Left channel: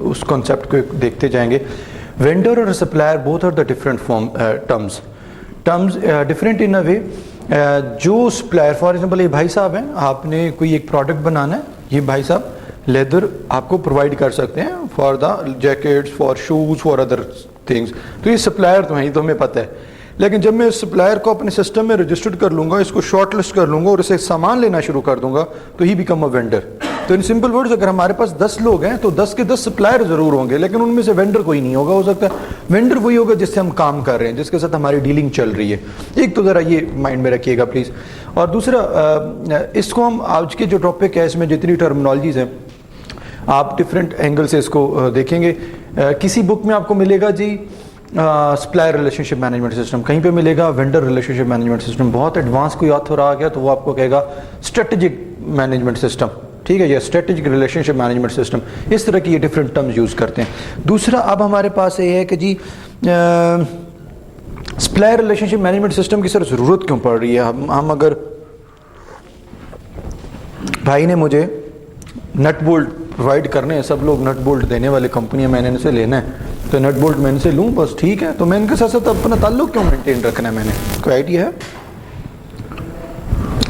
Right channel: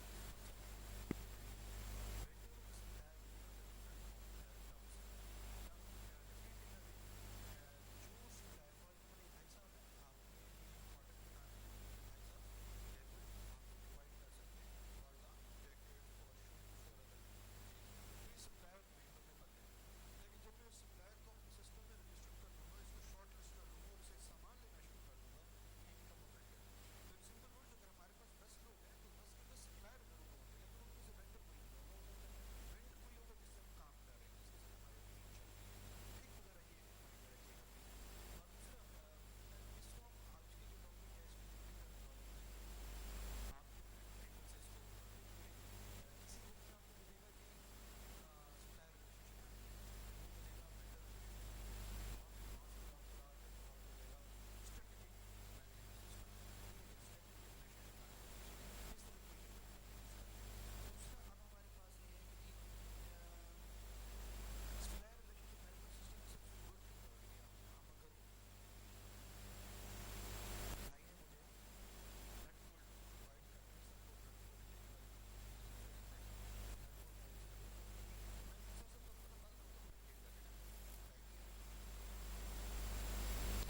اس concept کو دیکھتے جائیں گے. وینڈر اور supplier both are the different terms different in a way. جو سپلائر فار ایگزامپل یہ بھائی صاحب ہیں, آپ نے کوئی ایک پروڈکٹ بنانا ہے, یہ بھائی صاحب لیدر آپ کو پرووائڈ کر سکتے ہیں for the jackets, for shoes, for other things. تو یہ سپلائر تو ہیں, یہ تو ہمیں پتہ ہے. لیکن جب میں اس سپلائر کو اپنے سسٹم میں رجسٹرڈ کر لوں گا, اس کو شارٹ لسٹ کر لوں گا اور اسے سامان لینا شروع کر دوں گا, تو ہی بیکم اے وینڈر. تو ان سمپل ورڈز اگر ہمارے پاس 10 لوگ ہیں تو 10 کے 10 سپلائر ضرور ہوں گے, لیکن ان میں سے وینڈر کوئی نہیں ہوگا. ہو سکتا ہے وینڈر وہی ہوگا جس سے ہم کام کر رہے ہیں, جس کے ساتھ ہماری ڈیلنگ چل رہی ہے. ایک تو ذرا یہ مائنڈ میں رکھیے گا پلیز. اور دوسرا, اس کو ہم آج کے جو ٹاپک ہے اس میں جتنی ٹرمنالوجیز ہیں آپ ڈفرینٹ اینگل سے اس کو دیکھیں گے. کسی بک میں آپ کو ملے گا جی supplier relationship management system, کہیں پہ ملے گا وینڈر ریلیشن شپ مینجمنٹ سسٹم. بہت ایڈوانس کوئی آتھر آ گیا تو وہ آپ کو کہے گا اسٹریٹجک مینجمنٹ سسٹم, ٹھیک ہے, یا اسٹریٹجک ریلیشن شپ مینجمنٹ سسٹم. اس طرح کی یہ ڈفرینٹ ٹرمز یوز کرتے ہیں. دوسرا اب ہمارے پاس یہ ہے کہ جی supplier relationship management system کی سر ضرورت کیوں پڑ رہی ہے. ہم اگر بھائی نے مجھے نٹ بولٹ پرووائڈ کرنے ہیں, سب لوگ نٹ بولٹ دینے والے کمپنیاں, میں نے ان سے لینا ہے تو نٹ بولٹ میں ان سے لوں بس, ٹھیک ہے. تو میں ان کے ساتھ ساتھ اپنا تعلق کیوں مینٹین رکھنا ہے, میں نے کوئی آئیڈیا ہے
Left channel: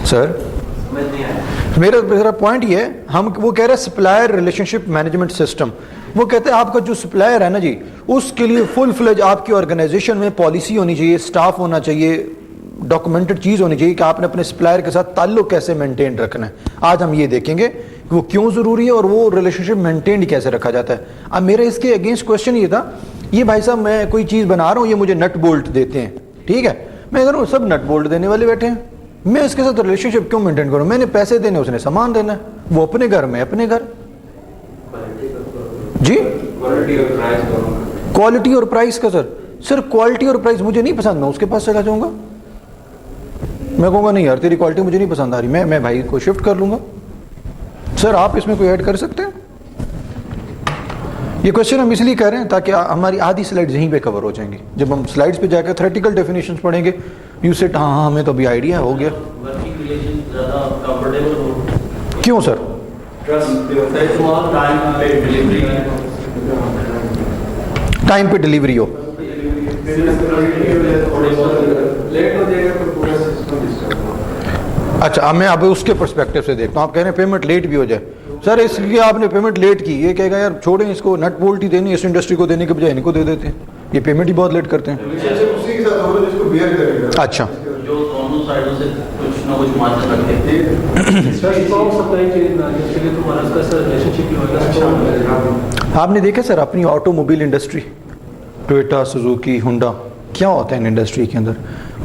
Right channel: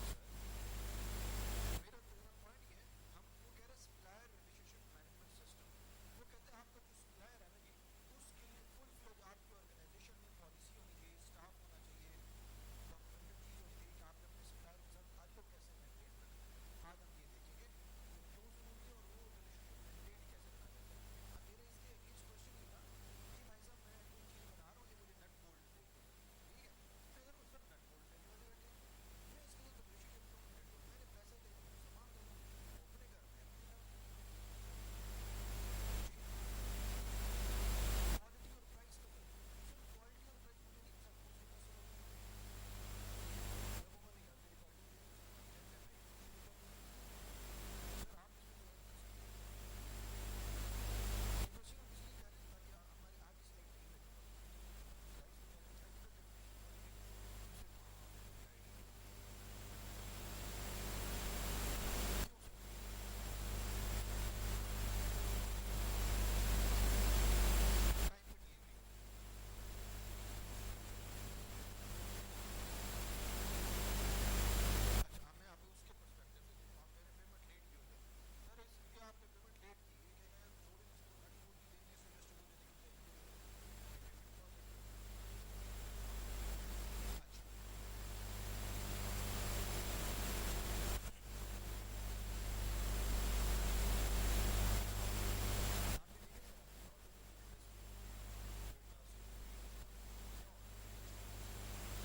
سر؟ میرا پوائنٹ یہ ہے, ہم وہ کہہ رہے ہیں supplier relationship management system. وہ کہتے ہیں آپ کا جو سپلائر ہے نا جی, اس کے لیے فل فلیج آپ کی آرگنائزیشن میں پالیسی ہونی چاہیے, اسٹاف ہونا چاہیے, ڈاکومنٹڈ چیز ہونی چاہیے کہ آپ نے اپنے سپلائر کے ساتھ تعلق کیسے مینٹین رکھنا ہے. آج ہم یہ دیکھیں گے کہ وہ کیوں ضروری ہے اور وہ ریلیشن شپ مینٹین کیسے رکھا جاتا ہے. اب میرا اس کے اگینسٹ کوشچن یہ تھا, یہ بھائی صاحب میں کوئی چیز بنا رہا ہوں, یہ مجھے نٹ بولٹ دیتے ہیں, ٹھیک ہے, میں کہہ رہا ہوں سب نٹ بولٹ دینے والے بیٹھے ہیں, میں اس کے ساتھ ریلیشن شپ کیوں مینٹین کروں؟ میں نے پیسے دینے, اس نے سامان دینا ہے, وہ اپنے گھر میں اپنے گھر. جی کوالٹی اور پرائز کا سر کوالٹی اور پرائز مجھے نہیں پسند, میں اس کے پاس چلا جاؤں گا, میں کہوں گا نہیں یار تیری کوالٹی مجھے نہیں پسند آ رہی, میں بھائی کو شفٹ کر لوں گا. سر آپ اس میں کوئی ایڈ کر سکتے ہیں؟ یہ کوشچن ہم اس لیے کہہ رہے ہیں تاکہ ہماری آدھی سلائڈز یہیں پہ کور ہو جائیں گی. جب ہم سلائڈز پہ جا کے تھیوریٹیکل ڈیفینیشنز پڑھیں گے, یو سیٹ ہاں ہمیں تو ابھی آئیڈیا ہو گیا. کیوں سر؟ ٹائم پہ ڈلیوری ہو. اچھا میں اب اس کے پرسپیکٹو سے دیکھتا ہوں. آپ کہہ رہے ہیں پیمنٹ لیٹ بھی ہو جائے. سر اس لیے آپ نے پیمنٹ لیٹ کی, یہ کہے گا یار چھوڑیں اس کو, نٹ بولٹ ہی دینی اس انڈسٹری کو دینے کے بجائے ان کو دے دیتے ہیں, یہ پیمنٹ ہی بہت لیٹ کرتے ہیں. اچھا آپ نے دیکھا سر اپنی auto mobile industry, Toyota, Suzuki, Honda, کیا ہوتا ہے ان انڈسٹری کے اندر؟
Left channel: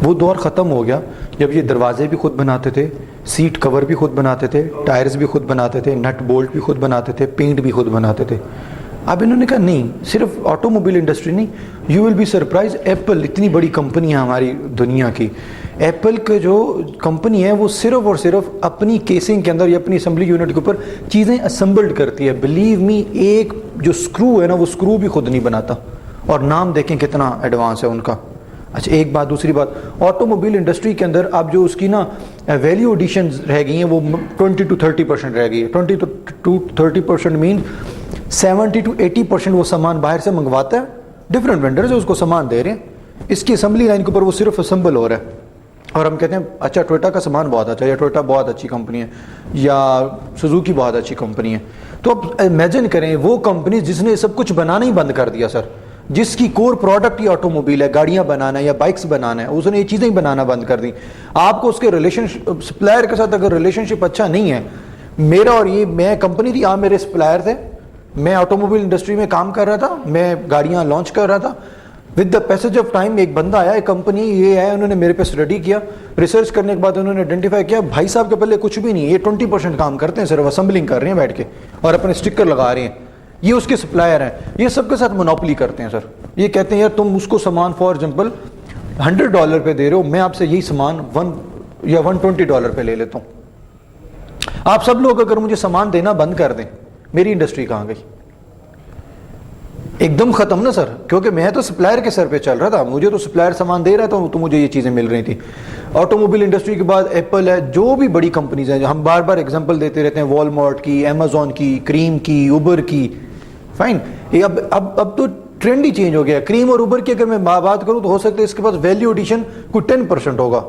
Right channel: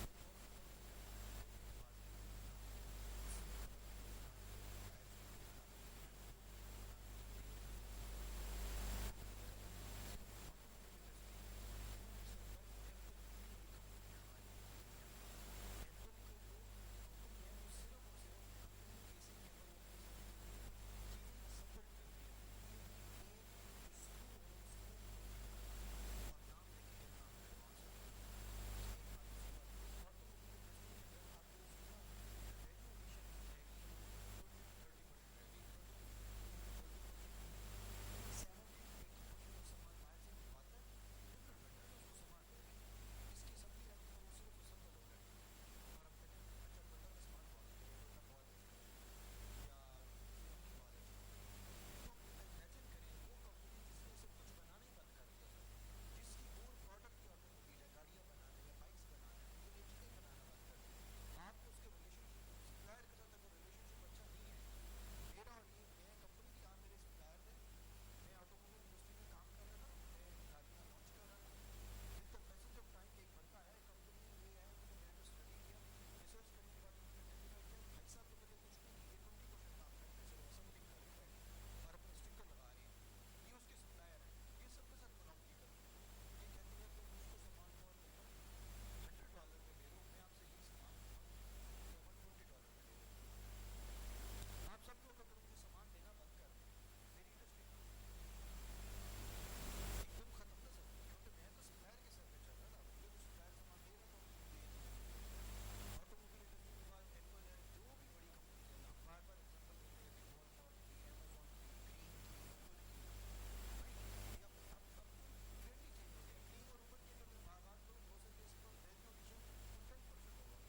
وہ دور ختم ہو گیا جب یہ دروازے بھی خود بناتے تھے, سیٹ کور بھی خود بناتے تھے, ٹائرز بھی خود بناتے تھے, نٹ بولٹ بھی خود بناتے تھے, پینٹ بھی خود بناتے تھے. اب انہوں نے کہا نہیں, صرف آٹو موبائل انڈسٹری نہیں, you will be surprise, Apple اتنی بڑی کمپنی ہے ہماری دنیا کی, ایپل کے جو کمپنی ہے وہ صرف اور صرف اپنی کیسنگ کے اندر یا اپنی اسمبلی یونٹ کے اوپر چیزیں اسمبلڈ کرتی ہے. بلیو می, ایک جو اسکرو ہے نا وہ اسکرو بھی خود نہیں بناتا, اور نام دیکھیں کتنا ایڈوانس ہے ان کا. اچھا ایک بات. دوسری بات, آٹو موبائل انڈسٹری کے اندر اب جو اس کی نا ویلیو ایڈیشنز رہ گئی ہیں وہ 20 to 30% رہ گئی ہے. 20 to 30% مین 70 to 80% وہ سامان باہر سے منگواتا ہے, ڈفرینٹ وینڈرز اس کو سامان دے رہے ہیں, اس کی اسمبلی لائن کے اوپر وہ صرف اسمبل ہو رہا ہے. اور ہم کہتے ہیں اچھا ٹویوٹا کا سامان بہت اچھا, یا ٹویوٹا بہت اچھی کمپنی ہے, یا سوزوکی بہت اچھی کمپنی ہے. تو اب امیجن کریں وہ کمپنی جس نے سب کچھ بنانا ہی بند کر دیا سر, جس کی کور پروڈکٹ ہی آٹو موبائل ہے, گاڑیاں بنانا ہے یا بائکس بنانا ہے, اس نے یہ چیزیں ہی بنانا بند کر دی. آپ کو اس کے ریلیشن سپلائر کے ساتھ اگر ریلیشن شپ اچھا نہیں ہے, میرا اور یہ میں کمپنی تھی, آپ میرے سپلائر تھے, میں آٹو موبائل انڈسٹری میں کام کر رہا تھا, میں گاڑیاں لانچ کر رہا تھا. With the passage of time ایک بندہ آیا, ایک کمپنی یہ ہے, انہوں نے میرے پہ اسٹڈی کیا, ریسرچ کرنے کے بعد انہوں نے آئیڈینٹیفائی کیا بھائی صاحب کے پہلے کچھ بھی نہیں, یہ 20% کام کرتے ہیں, صرف اسمبلنگ کر رہے ہیں بیٹھ کے اور اپنے اسٹکر لگا رہے ہیں, یہ اس کے سپلائر ہیں, یہ سب کے ساتھ مونوپلی کرتے ہیں سر. یہ کہتے ہیں یار تم اس کو سامان فار ایگزامپل $100 پہ دے رہے ہو, میں آپ سے یہی سامان $1 یا $120 پہ لے لیتا ہوں. آپ سب لوگ اگر مجھے سامان دینا بند کر دیں, میری انڈسٹری کہاں گئی؟ ایک دم ختم نا سر, کیونکہ میں تو سپلائر کے سر پہ چل رہا تھا, مجھے تو سپلائر سامان دے رہا تھا تو مجھے یہ چیزیں مل رہی تھی. آٹو موبائل انڈسٹری کے بعد ایپل ہے, جو بھی بڑی کمپنیز ہیں, ہم بار بار ایگزامپل دیتے رہتے ہیں, والمارٹ کی, امیزون کی, کریم کی, اوبر کی, فائن. یہ اب تو ٹرینڈ ہی چینج ہو گیا. کریم اور اوبر کی اگر میں بات کروں تو ہو سکتا ہے اس کے پاس ویلیو ایڈیشن کوئی 10% ہوگا.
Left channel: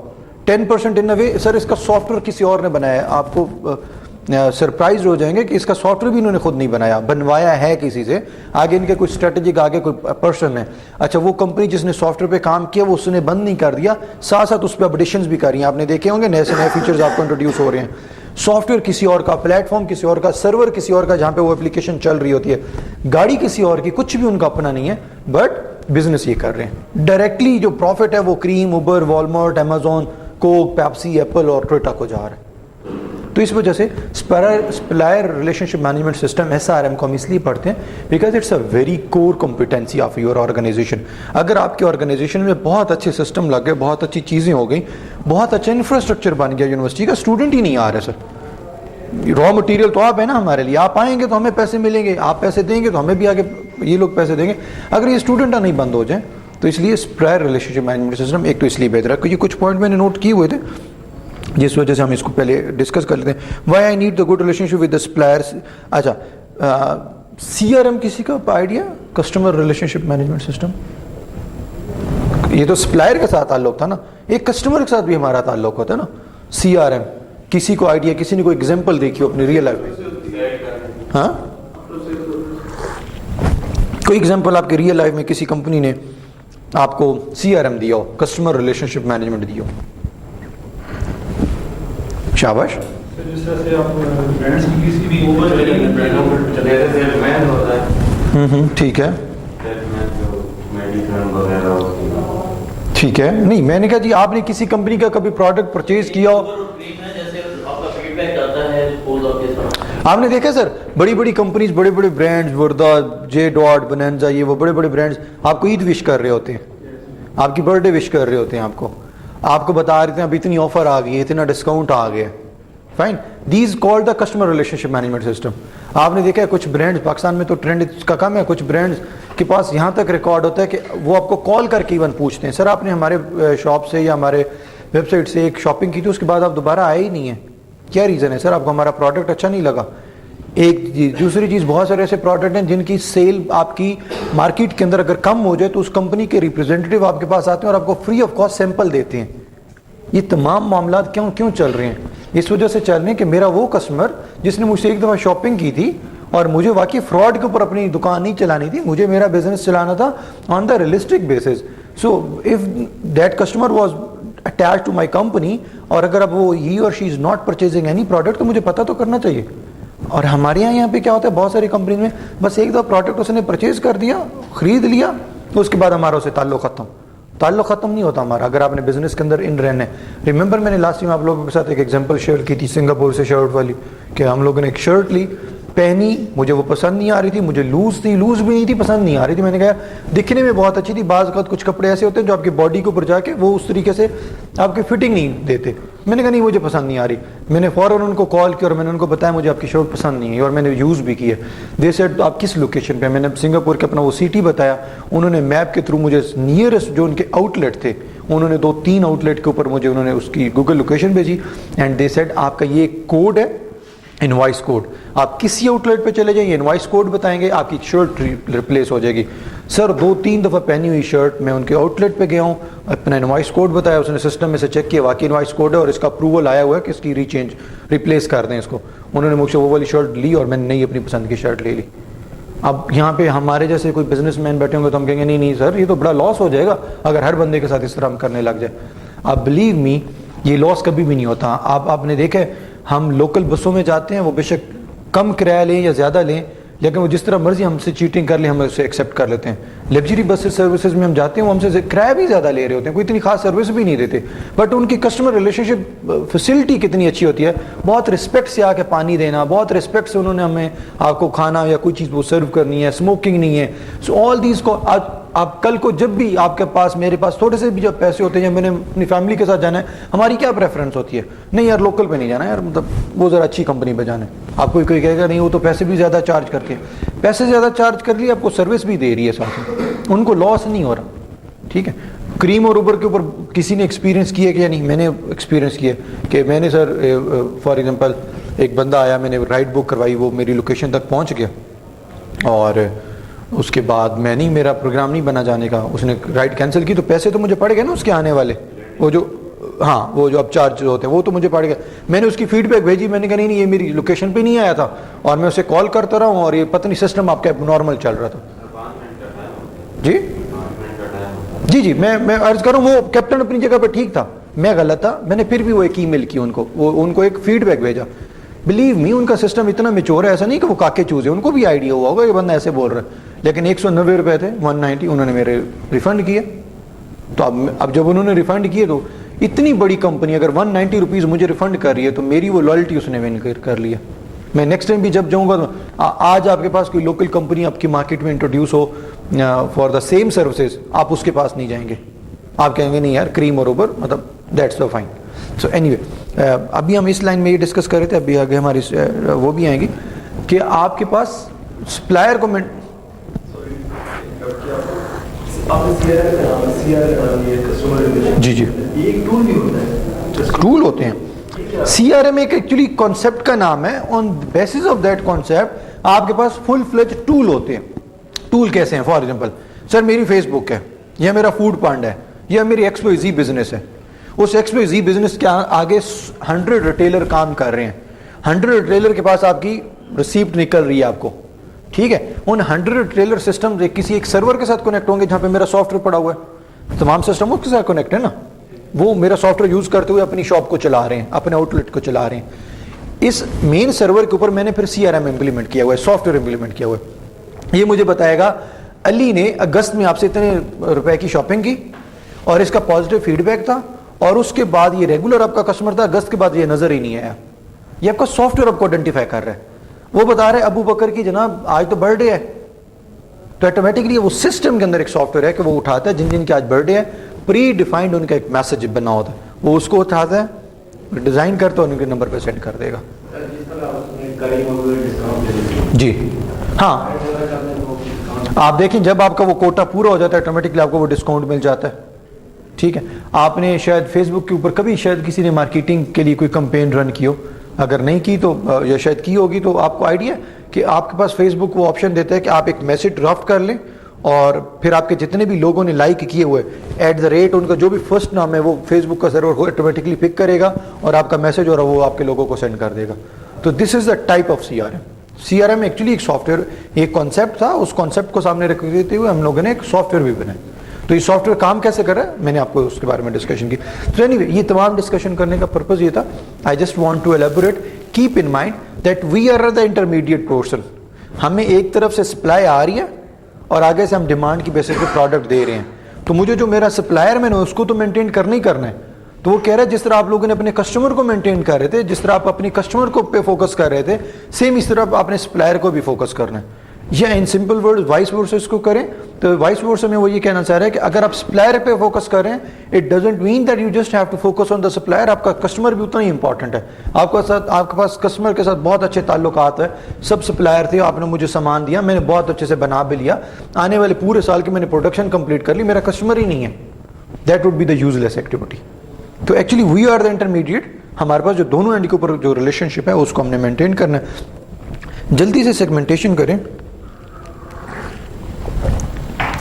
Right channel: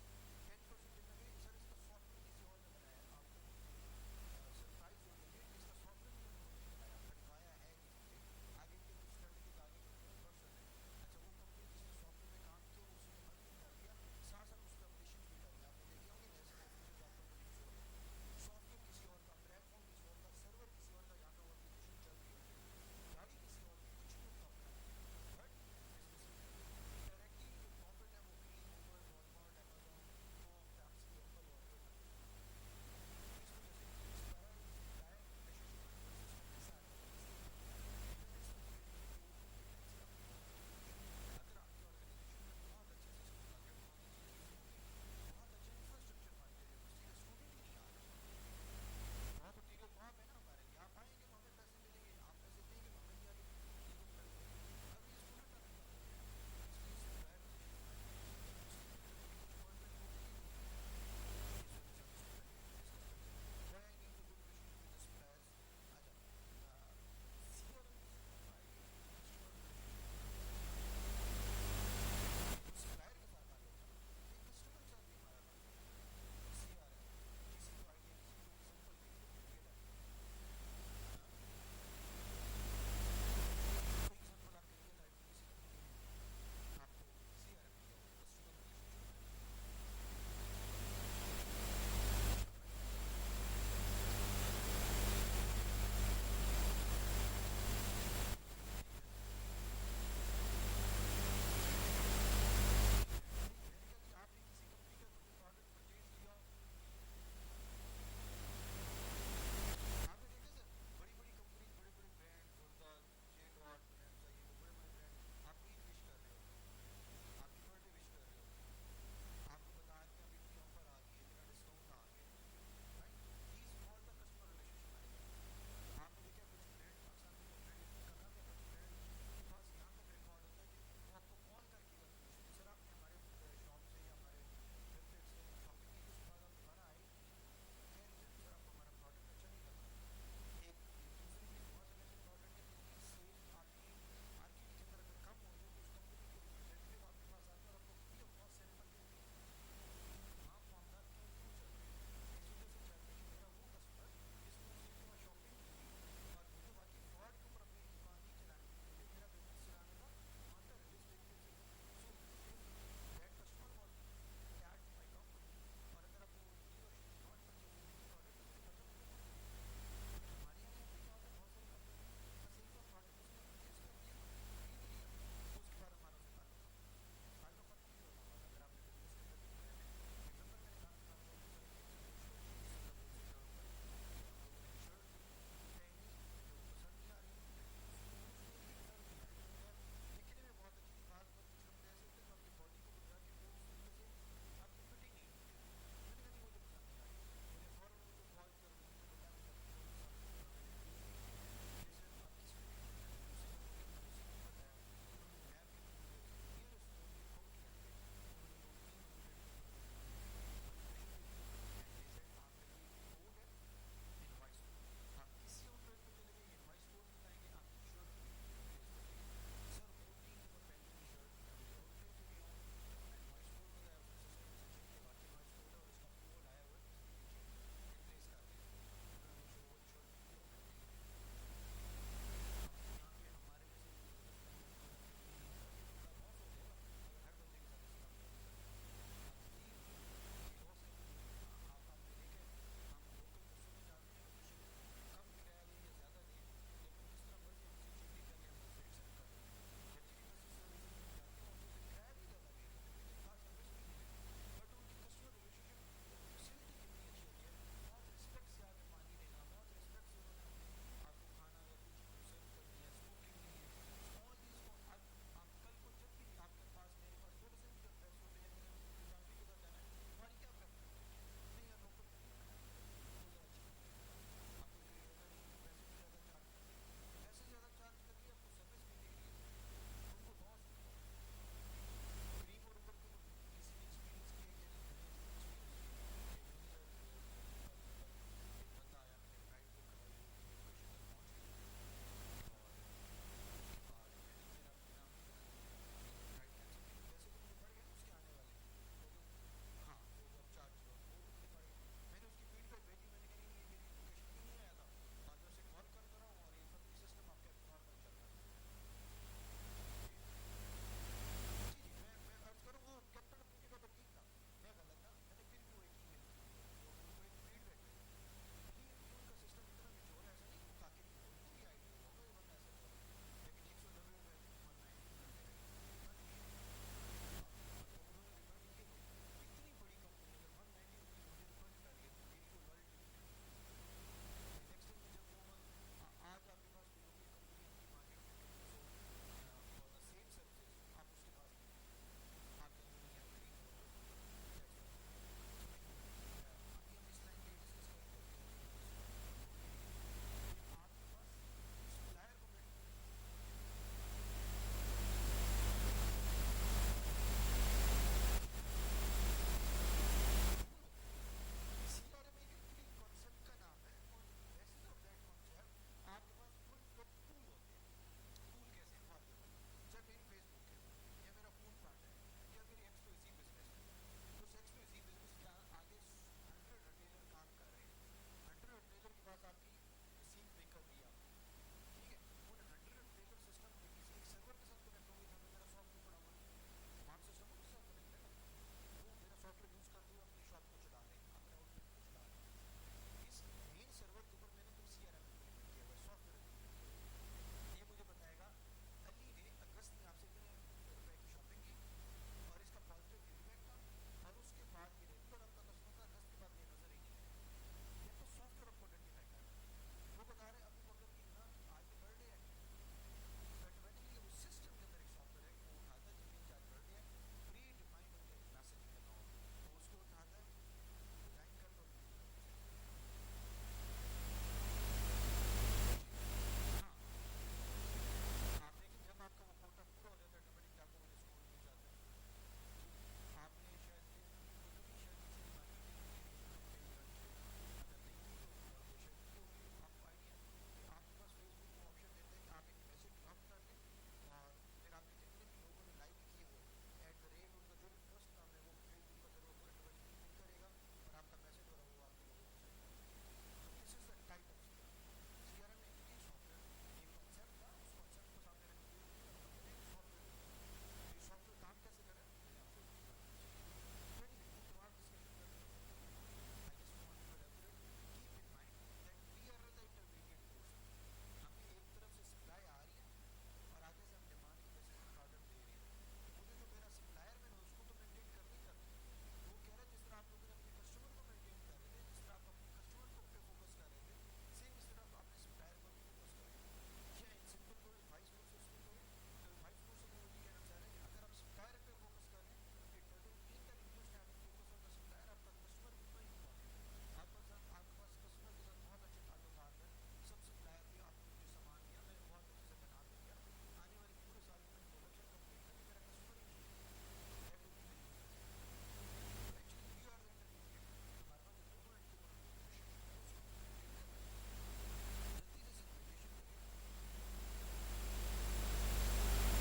10% ان اے وے سر اس کا سافٹ ویئر کسی اور نے بنایا ہے. آپ کو سرپرائز ہو جائیں گے کہ اس کا سافٹ ویئر بھی انہوں نے خود نہیں بنایا, بنوایا ہے کسی سے. آگے ان کے کوئی اسٹریٹجک آگے کوئی پرسن ہے. اچھا وہ کمپنی جس نے سافٹ ویئر پہ کام کیا وہ اس نے بند نہیں کر دیا, ساتھ ساتھ اس پہ اپڈیشنز بھی کر رہی ہیں. آپ نے دیکھے ہوں گے نئے سے نئے فیچرز آپ کو انٹروڈیوس ہو رہے ہیں. سافٹ ویئر کسی اور کا, پلیٹ فارم کسی اور کا, سرور کسی اور کا جہاں پہ وہ اپلیکیشن چل رہی ہوتی ہے, گاڑی کسی اور کی, کچھ بھی ان کا اپنا نہیں ہے, بٹ بزنس یہ کر رہے ہیں. ڈائریکٹلی جو پروفٹ ہے وہ Careem, Uber, Walmart, Amazon, Coke, Pepsi, Apple اور ٹویوٹا کو جا رہا ہے. تو اس وجہ سے supplier relationship management system SRM کو ہم اس لیے پڑھتے ہیں because it's a very core competency of your organisation. اگر آپ کے آرگنائزیشن میں بہت اچھے سسٹم لگ گئے, بہت اچھی چیزیں ہو گئیں, بہت اچھا انفراسٹرکچر بن گیا, یونیورسٹی کا اسٹوڈنٹ ہی نہیں آ رہا سر. را مٹیریل تو آپ ہیں نا ہمارے لیے, آپ آئیں گے تو ہمیں پیسے ملیں گے, آپ پیسے دیں گے تو ہمیں بھی آگے یہ لوگ پیسے دیں گے. اگر یہ اسٹوڈنٹ نہیں بند ہو جائیں تو اس لیے supplier relationship management system ایک تو اس لیے بہتر ہے. کیونکہ کچھ پوائنٹ میں نے نوٹ کیے ہوئے تھے جس وجہ سے ہم اس کو پہلے ڈسکس کر لیتے ہیں. Why I need the good relationship with the suppliers. اچھا CRM کسی کا idea, customer relationship management system, یہ تو سپلائر کے ساتھ تعلق تھا نا, ایک کسٹمر کے ساتھ بھی ہمارا تعلق ہوتا ہے نا. CRM کسی کو آئیڈیا, کسی نے کوئی ایگزامپل دیکھی ہو اپنی ریئل لائف میں؟ ہاں کوئی ایگزامپل آپ کے ریئل لائف میں کسی کمپنی نے آپ کو CRM دیا ہو, کسٹمر ریلیشن شپ مینجمنٹ دیا ہو؟ شاباش. ٹھیک ہے ٹھیک ہے. نہیں میں نے کہا جی آپ نے کسی کمپنی کا کبھی پروڈکٹ پرچیز کیا ہو, آپ نے دیکھا سر بڑی بڑی کمپنیز, بڑے بڑے برانڈز, وردا, جے ڈاٹ, بنینزا, یہ وہ بڑے بڑے برانڈز آپ کو عید وش کر رہے ہوتے ہیں, آپ کی برتھ ڈے وش کر رہے ہوتے ہیں, آپ کو بتا رہے ہیں اب اتنی آفر آ گئی ہے, اتنا ڈسکاؤنٹ آ گیا. Fine, these called the customer relationship management system. آپ نے دیکھا ہے کچھ برانڈز پاکستان میں تو ٹرینڈ اس کا کم ہے, کچھ برانڈز کے پاس یہاں تک ریکارڈ ہوتا ہے کہ وہ آپ کو کال کر کے ایون پوچھتے ہیں سر آپ نے ہمارے شاپ سے یا ہمارے ویب سائٹ سے ایک شاپنگ کی تھی, اس کے بعد آپ دوبارہ آئے ہی نہیں ہیں, کیا ریزن ہے سر؟ آپ کو ہمارا پروڈکٹ اچھا نہیں لگا. ایک دوسری چیز, بہت سارے ایسے پروڈکٹ ہیں جن کی سیل آپ کی مارکیٹ کے اندر اگر کم ہو جائے تو اس کمپنی کے ریپرزینٹیو آپ کے پاس آتے ہیں اور آپ کو فری آف کاسٹ سیمپل دیتے ہیں. یہ تمام معاملات کیوں چل رہے ہیں؟ اس وجہ سے چل رہے ہیں کہ میرا وہ کسٹمر جس نے مجھ سے ایک دفعہ شاپنگ کی تھی اور مجھے واقعی فراڈ کے اوپر اپنی دکان نہیں چلانی تھی, مجھے میرا بزنس چلانا تھا on the realistic basis. So if that customer was attach to my company, اور اگر اب وہ he or she is not purchasing any product, تو مجھے پتہ تو کرنا چاہیے. اور ہمارے یہاں پہ کیا ہوتا ہے, بہت ساری کمپنی میں بس ایک دفعہ پروڈکٹ اس نے پرچیز کر دیا, خرید لیا, اس کے بعد ہمارا اسے تعلق ختم نہیں ہوتا ہمارا. اگر آپ نے بزنس کے اندر ان رہنا ہے, ریممبر میں نے لاسٹ ٹائم آپ لوگوں کے ساتھ ایک ایگزامپل شیئر کی تھی سنگاپور سے شرٹ والی, کہ ہم لوگوں نے ایک شرٹ لی, پہنی, مجھے وہ پسند نہیں آ رہی تھی, مجھے لوز بھی نہیں تھی, پسند نہیں آ رہی تھی. میں نے کہا دکھنے میں بہت اچھی تھی, بعض اوقات کچھ کپڑے ایسے ہوتے ہیں جو آپ کی باڈی کے اوپر جا کے وہ اس طریقے سے آپ کی فٹنگ نہیں دیتے. میں نے کہا نہیں مجھے پسند نہیں آ رہی. میں نے فوراً ان کو کال کیا اور میں نے ان کو بتایا مجھے آپ کی شرٹ پسند نہیں ہے, اور میں نے یوز بھی کی ہے. دے سیڈ آپ کس لوکیشن پہ؟ میں نے سنگاپور کے اپنا وہ سٹی بتایا, انہوں نے میپ کے تھرو مجھے نیئرسٹ جو ان کے آؤٹ لیٹ تھے, انہوں نے 2-3 آؤٹ لیٹ کے اوپر مجھے انہوں نے اس کی گوگل لوکیشن بھیجی, اینڈ دے سیڈ آپ کا یہ کوڈ ہے, انوائس کوڈ, آپ کسی آؤٹ لیٹ پہ چلے جائیں, یہ انوائس کوڈ بتائیں گے, آپ کی شرٹ ریپلیس ہو جائے گی. سر 2-3 دفعہ پہنی ہوئی شرٹ, میں ان کے آؤٹ لیٹ پہ گیا ہوں, اپنا انوائس کوڈ بتایا, اس نے سسٹم میں سے چیک کیا, واقعی انوائس کوڈ ہے اور اس کا اپروول آیا ہوا ہے کہ اس کی ریپلیس کر دیں اس کو. انہوں نے مجھ سے وہ والی شرٹ لی اور میں نے نئی اپنی پسند کی شرٹ لے لی. اب یہاں پہ ہمارے جیسے کوئی بزنس مین بیٹھے ہوں گے تو ہم کہیں گے نہیں سر یہ تو بڑا لاس ہو جائے گا اگر ہر بندے کے ساتھ اس طرح ہم کرنے لگ جائیں. اب بلیو می یہ لاس کبھی بھی نہیں ہوتا. آپ نے دیکھا ہے ہم لوکل بسوں میں جاتے ہیں, وہ بے شک کم کرایہ لیں یا زیادہ لیں, لیکن وہ جس طرح مرضی ہم سے چیٹنگ کر لیں ہم اسے ایکسیپٹ کر لیتے ہیں. لگژری بس سروسز میں ہم جاتے ہیں, وہ ہم سے کرایہ بھی زیادہ لے رہے ہوتے ہیں, کوئی اتنی خاص سروس بھی نہیں دیتے, بٹ ان کی کسٹمر ریلیشن شپ فیسلٹی کتنی اچھی ہوتی ہے. بہت رسپیکٹ سے آ کے پانی دینا, بہت رسپیکٹ سے انہوں نے ہمیں آپ کو کھانا یا کوئی چیز وہ سرو کرنی ہے, اسموکنگ نہیں ہے. سو آل دیز کو آپ کل کو جب بھی آپ کے پاس میرے پاس تھوڑے سے بھی جب پیسے ہوتے ہیں, میں نے اپنی فیملی کے ساتھ جانا ہے, ہماری کیا پریفرنس ہوتی ہے, نہیں یار لوکل پہ نہیں جانا یار, مطلب وہ ذرا اچھی کمپنی پہ جانا ہے. آپ کو کوئی کہے گا نہیں وہ تو پیسے بھی زیادہ چارج کرتے ہیں, پیسے زیادہ چارج کر لیے, آپ کو سروس بھی دے رہی ہے ساتھ میں, ان کو لاس نہیں ہو رہا. ٹھیک ہے, کریم اور اوبر کے اوپر کسی نے ایکسپیرینس کیا کہ یا نہیں؟ میں نے ایکسپیرینس کیا کہ میں نے سر فار ایگزامپل ایک بندہ آیا, میں نے رائڈ بک کروائی, وہ میری لوکیشن تک پہنچ گیا اور اس کے بعد میں نہیں, میرا پروگرام نہیں بنا جانے کا, اس نے رائڈ کینسل کی تو پیسے تو مجھے پڑ گئے نا اس کے آنے والے, وہ جو ہاں وہ جو اب چارج ہوتے ہیں وہ تو مجھے پڑ گئے. میں نے اس کی فیڈ بیک بھیجی, میں نے کہا نہیں یہ میری لوکیشن پہ نہیں آیا تھا, اور میں اسے کال کرتا رہا ہوں اور یہ پتہ نہیں سسٹم آپ کا نارمل چل رہا تھا. جی جی میں عرض کروں, وہ کیپٹن اپنی جگہ پہ ٹھیک تھا, میں غلط تھا. میں نے پھر بھی وہ ایک ای میل کی ان کو ایک فیڈ بیک بھیجا. بلیو می ان کا سسٹم اتنا میچور ہے, ایسا نہیں کہ وہ کاکے چوز ہے, ان کو بھی آئیڈیا ہوا ہوگا یہ بندہ ایسے بول رہا ہے. لیکن 190 روپے تھے, 190 انہوں نے میرے ریفنڈ کیے. تو اب جب انہوں نے ریفنڈ کیے تو اتنی بڑی کمپنی اگر 190 روپیز مجھے ریفنڈ کر رہی ہے تو میری وہ لائلٹی اس نے ون کر لیا. میں نیکسٹ ٹائم بھی جب جاؤں گا تو آج آپ کے پاس کوئی لوکل کمپنی آپ کی مارکیٹ میں introduce who for the same services, آپ اس کے پاس نہیں جائیں گے, آپ کہیں گے نہیں یار کریم اور اوبر, مطلب that's the fine. So anyway ابھی ہم اس لائن میں یہ ڈسکس کر رہے تھے, ابھی آگے ہماری وہ بھی آئیں گی کہ آپ کے پاس سپلائر کو جی جی ٹول ہوتے ہیں. سی آر ایم ایک ایکچولی کانسیپٹ کا نام ہے. آن بیسس آف دیٹ کانسیپٹ آپ کے پاس فل فلیج ٹول ہوتے ہیں. ٹول کیسے ہیں؟ فار ایگزامپل سر میری فیس بک ہے, یا میرا فوڈ پانڈا ہے, یا میری ایکس وائی زی بزنس ہے. اس ایکس وائی زی بزنس کے آگے 100 ریٹیلر کام کر رہے ہیں. 100 ریٹیلر کے پاس آپ کی ریسیپٹ نکل رہی ہے آپ کو, ٹھیک ہے. ان 100 ریٹیلر سسٹم کسی ایک سرور کے ساتھ کنیکٹ ہوں گے جہاں پہ میرا سافٹ ویئر پڑا ہوا ہے. تمام سسٹم اس کے ساتھ کنیکٹ ہے نا, وہ میرا سافٹ ویئر یوز کرتے ہوئے اپنی شاپ کو چلا رہے ہیں, اپنے آؤٹ لیٹ کو چلا رہے ہیں. اس مین سرور کے اوپر میں نے پھر سی آر ایم امپلیمنٹ کیا ہوا ہے, سافٹ ویئر امپلیمنٹ کیا ہوا ہے. یہ مجھے بتائے گا علی نے اگست میں آپ سے اتنے روپے کی شاپنگ کی اور اس کا پازیٹیو فیڈ بیک تھا, اور اس کے بعد یہ ریگولر آپ کا کسٹمر تھا, اگست کے بعد یہ نظر ہی نہیں آیا. یہ آپ کا سافٹ ویئر آپ کو آئیڈینٹیفائی کر رہا ہے. وہ بتا رہے ابو بکر کی جناب آج تو برتھ ڈے ہے, تو آٹومیٹکلی وہ سسٹم کے اندر ایک سافٹ ویئر ہے کہ وہ اٹھاتا ہے جن جن کی آج برتھ ڈے ہے, پری ڈیفائنڈ ان کا ایک میسج بنا ہوتا ہے, وہ اس کو اٹھاتا ہے, ڈیزائن کرتا ہے, ان کے نمبر پہ سینڈ کر دے گا. جی ہاں, آپ دیکھیں جب آپ کا وہ کوٹا پورا ہو جاتا ہے آٹومیٹکلی آپ کو وہ ڈسکاؤنٹ مل جاتا ہے. ٹھیک ہے, آپ نے شاید فیس بک کے اوپر کبھی شاید کسی نے مارکیٹنگ کے لیے کوئی کمپین رن کی ہو, اگر نہیں کی تو یا شاید کی ہوگی, تو آپ کو آئیڈیا کہ آپ کے پاس فیس بک وہ آپشن دیتا ہے کہ آپ ایک میسج ڈرافٹ کر لیں, اور پھر آپ کے جتنے بھی لوگوں نے لائک کیے ہوئے @ ان کا جو بھی فرسٹ نام ہے وہ فیس بک کا سرور آٹومیٹکلی پک کرے گا اور آپ کا میسج اور وہ آپ کے لوگوں کو سینڈ کر دے گا. تو this is the type of C R M. C R M actually ایک سافٹ ویئر, ایک کانسیپٹ تھا, اس کانسیپٹ کو سامنے رکھتے ہوئے ہم لوگوں نے ایک سافٹ ویئر بھی بنایا. تو یہ سافٹ ویئر کام کیسے کر رہا ہے میں نے آپ کو اس کے بارے میں ڈسکشن کی. تو اینی وے یہ تمام ڈسکشن کرنے کا پرپز یہ تھا, I just want to elaborate, keep in mind that we are the intermediate portion. ہمیں ایک طرف سے سپلائی آ رہی ہے اور آگے سے ہم ڈیمانڈ کی بیسس پہ پروڈکٹ دے رہے ہیں, تو مجھے جو میرا سپلائر میں نے اس کو تو مینٹین کرنا ہی کرنا ہے. تو وہ کہہ رہا ہے جس طرح آپ لوگوں نے اپنے کسٹمر کو مینٹین کر رہے تھے, جس طرح آپ اپنے کسٹمر کو پہ فوکس کر رہے تھے, سیم اس طرح آپ اپنے سپلائر کو بھی فوکس کرنا ہے. یا in simple word vice versa اس کو کریں, تو وائس ورسا میں وہ یہ کہنا چاہ رہا ہے کہ اگر آپ سپلائر پہ فوکس کریں, it doesn't mean that you just have to focus on the supplier. آپ کا کسٹمر بھی اتنا ہی امپورٹنٹ ہے. آپ کے پاس کسٹمر کے ساتھ بہت اچھے تعلقات ہیں, سب سپلائر تھے, آپ نے مجھے سامان دیا, میں نے بہت اچھے سے بنا بھی لیا, آنے والے پورے سال کی میں نے پروڈکشن کمپلیٹ کر لی, میرا کسٹمر ہی نہیں ہے, that would be the useless activity. تو actually we are the intermediate. ہمارے پاس جو دونوں اینڈ کے اوپر جو ریلیشن شپ ہے اس کو ہم نے مینٹین کرنا ہے. جلدی سے سیگمنٹیشن کریں.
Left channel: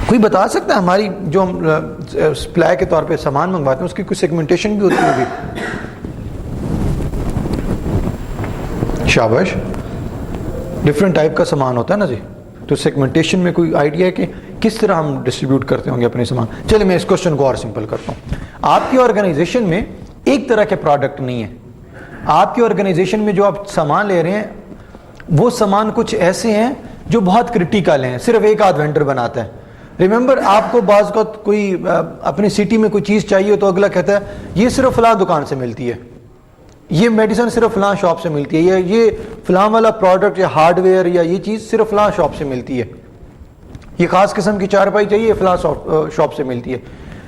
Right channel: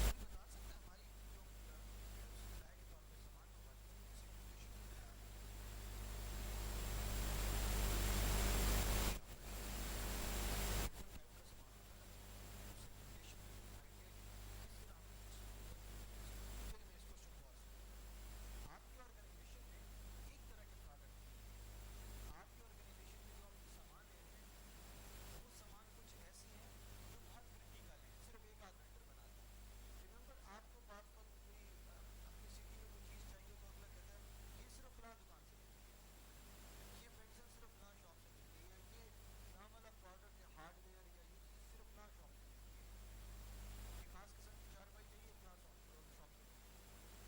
کوئی بتا سکتا ہے ہماری جو ہم سپلائی کے طور پہ سامان منگواتے ہیں اس کی کوئی سیگمنٹیشن بھی ہوتی ہوگی؟ شاباش, ڈفرینٹ ٹائپ کا سامان ہوتا ہے نا جی, تو سیگمنٹیشن میں کوئی آئیڈیا ہے کہ کس طرح ہم ڈسٹریبیوٹ کرتے ہوں گے اپنے سامان؟ چلے میں اس کوشچن کو اور سمپل کرتا ہوں. آپ کی آرگنائزیشن میں ایک طرح کے پروڈکٹ نہیں ہے. آپ کی آرگنائزیشن میں جو آپ سامان لے رہے ہیں وہ سامان کچھ ایسے ہیں جو بہت کرٹیکل ہیں, صرف ایک آدھ وینڈر بناتا ہے. ریممبر, آپ کو بعض کا کوئی اپنی سٹی میں کوئی چیز چاہیے تو اگلا کہتا ہے یہ صرف فلاں دکان سے ملتی ہے, یہ میڈیسن صرف فلاں شاپ سے ملتی ہے, یا یہ فلاں والا پروڈکٹ یا ہارڈ ویئر یا یہ چیز صرف فلاں شاپ سے ملتی ہے, یہ خاص قسم کی چارپائی چاہیے فلاں شاپ سے ملتی ہے.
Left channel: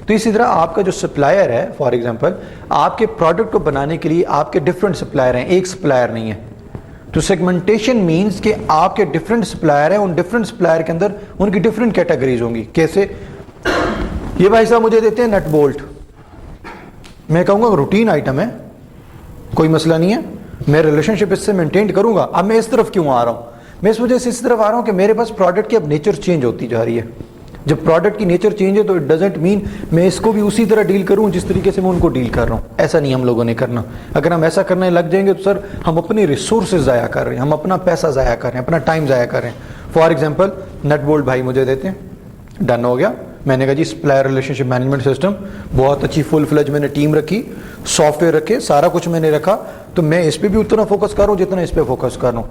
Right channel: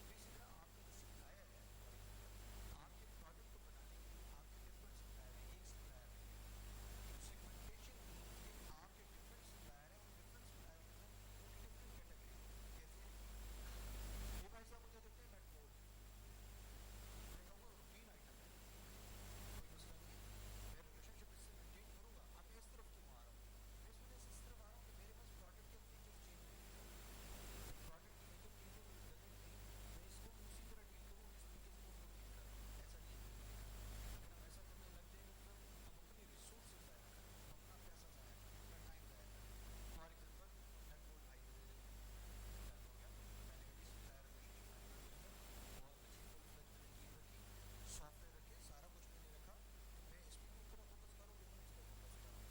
تو اسی طرح آپ کا جو سپلائر ہے, فار ایگزامپل آپ کے پروڈکٹ کو بنانے کے لیے آپ کے ڈفرینٹ سپلائر ہیں, ایک سپلائر نہیں ہے. تو سیگمنٹیشن مینس کہ آپ کے ڈفرینٹ سپلائر ہیں, ان ڈفرینٹ سپلائر کے اندر ان کی ڈفرینٹ کیٹیگریز ہوں گی. کیسے؟ یہ بھائی صاحب مجھے دیتے ہیں نٹ بولٹ, میں کہوں گا روٹین آئٹم ہے, کوئی مسئلہ نہیں ہے, میں ریلیشن شپ اس سے مینٹین کروں گا. اب میں اس طرف کیوں آ رہا ہوں؟ میں اس وجہ سے اس طرف آ رہا ہوں کہ میرے پاس پروڈکٹ کی اب نیچر چینج ہوتی جا رہی ہے. جب پروڈکٹ کی نیچر چینج ہے تو اٹ ڈزنٹ مین میں اس کو بھی اسی طرح ڈیل کروں جس طریقے سے میں ان کو ڈیل کر رہا ہوں. ایسا نہیں ہم لوگوں نے کرنا. اگر ہم ایسا کرنے لگ جائیں گے تو سر ہم اپنے ریسورسز ضائع کر رہے ہیں, ہم اپنا پیسہ ضائع کر رہے ہیں, اپنا ٹائم ضائع کر رہے ہیں. فار ایگزامپل نٹ بولٹ بھائی مجھے دیتے ہیں, ڈن ہو گیا. میں نے کہا جی supplier relationship management system بہت اچھی فل فلج میں نے ٹیم رکھی, سافٹ ویئر رکھے, سارا کچھ میں نے رکھا, تو میں اس پہ بھی اتنا فوکس کر رہا ہوں جتنا اس پہ فوکس کر رہا ہوں.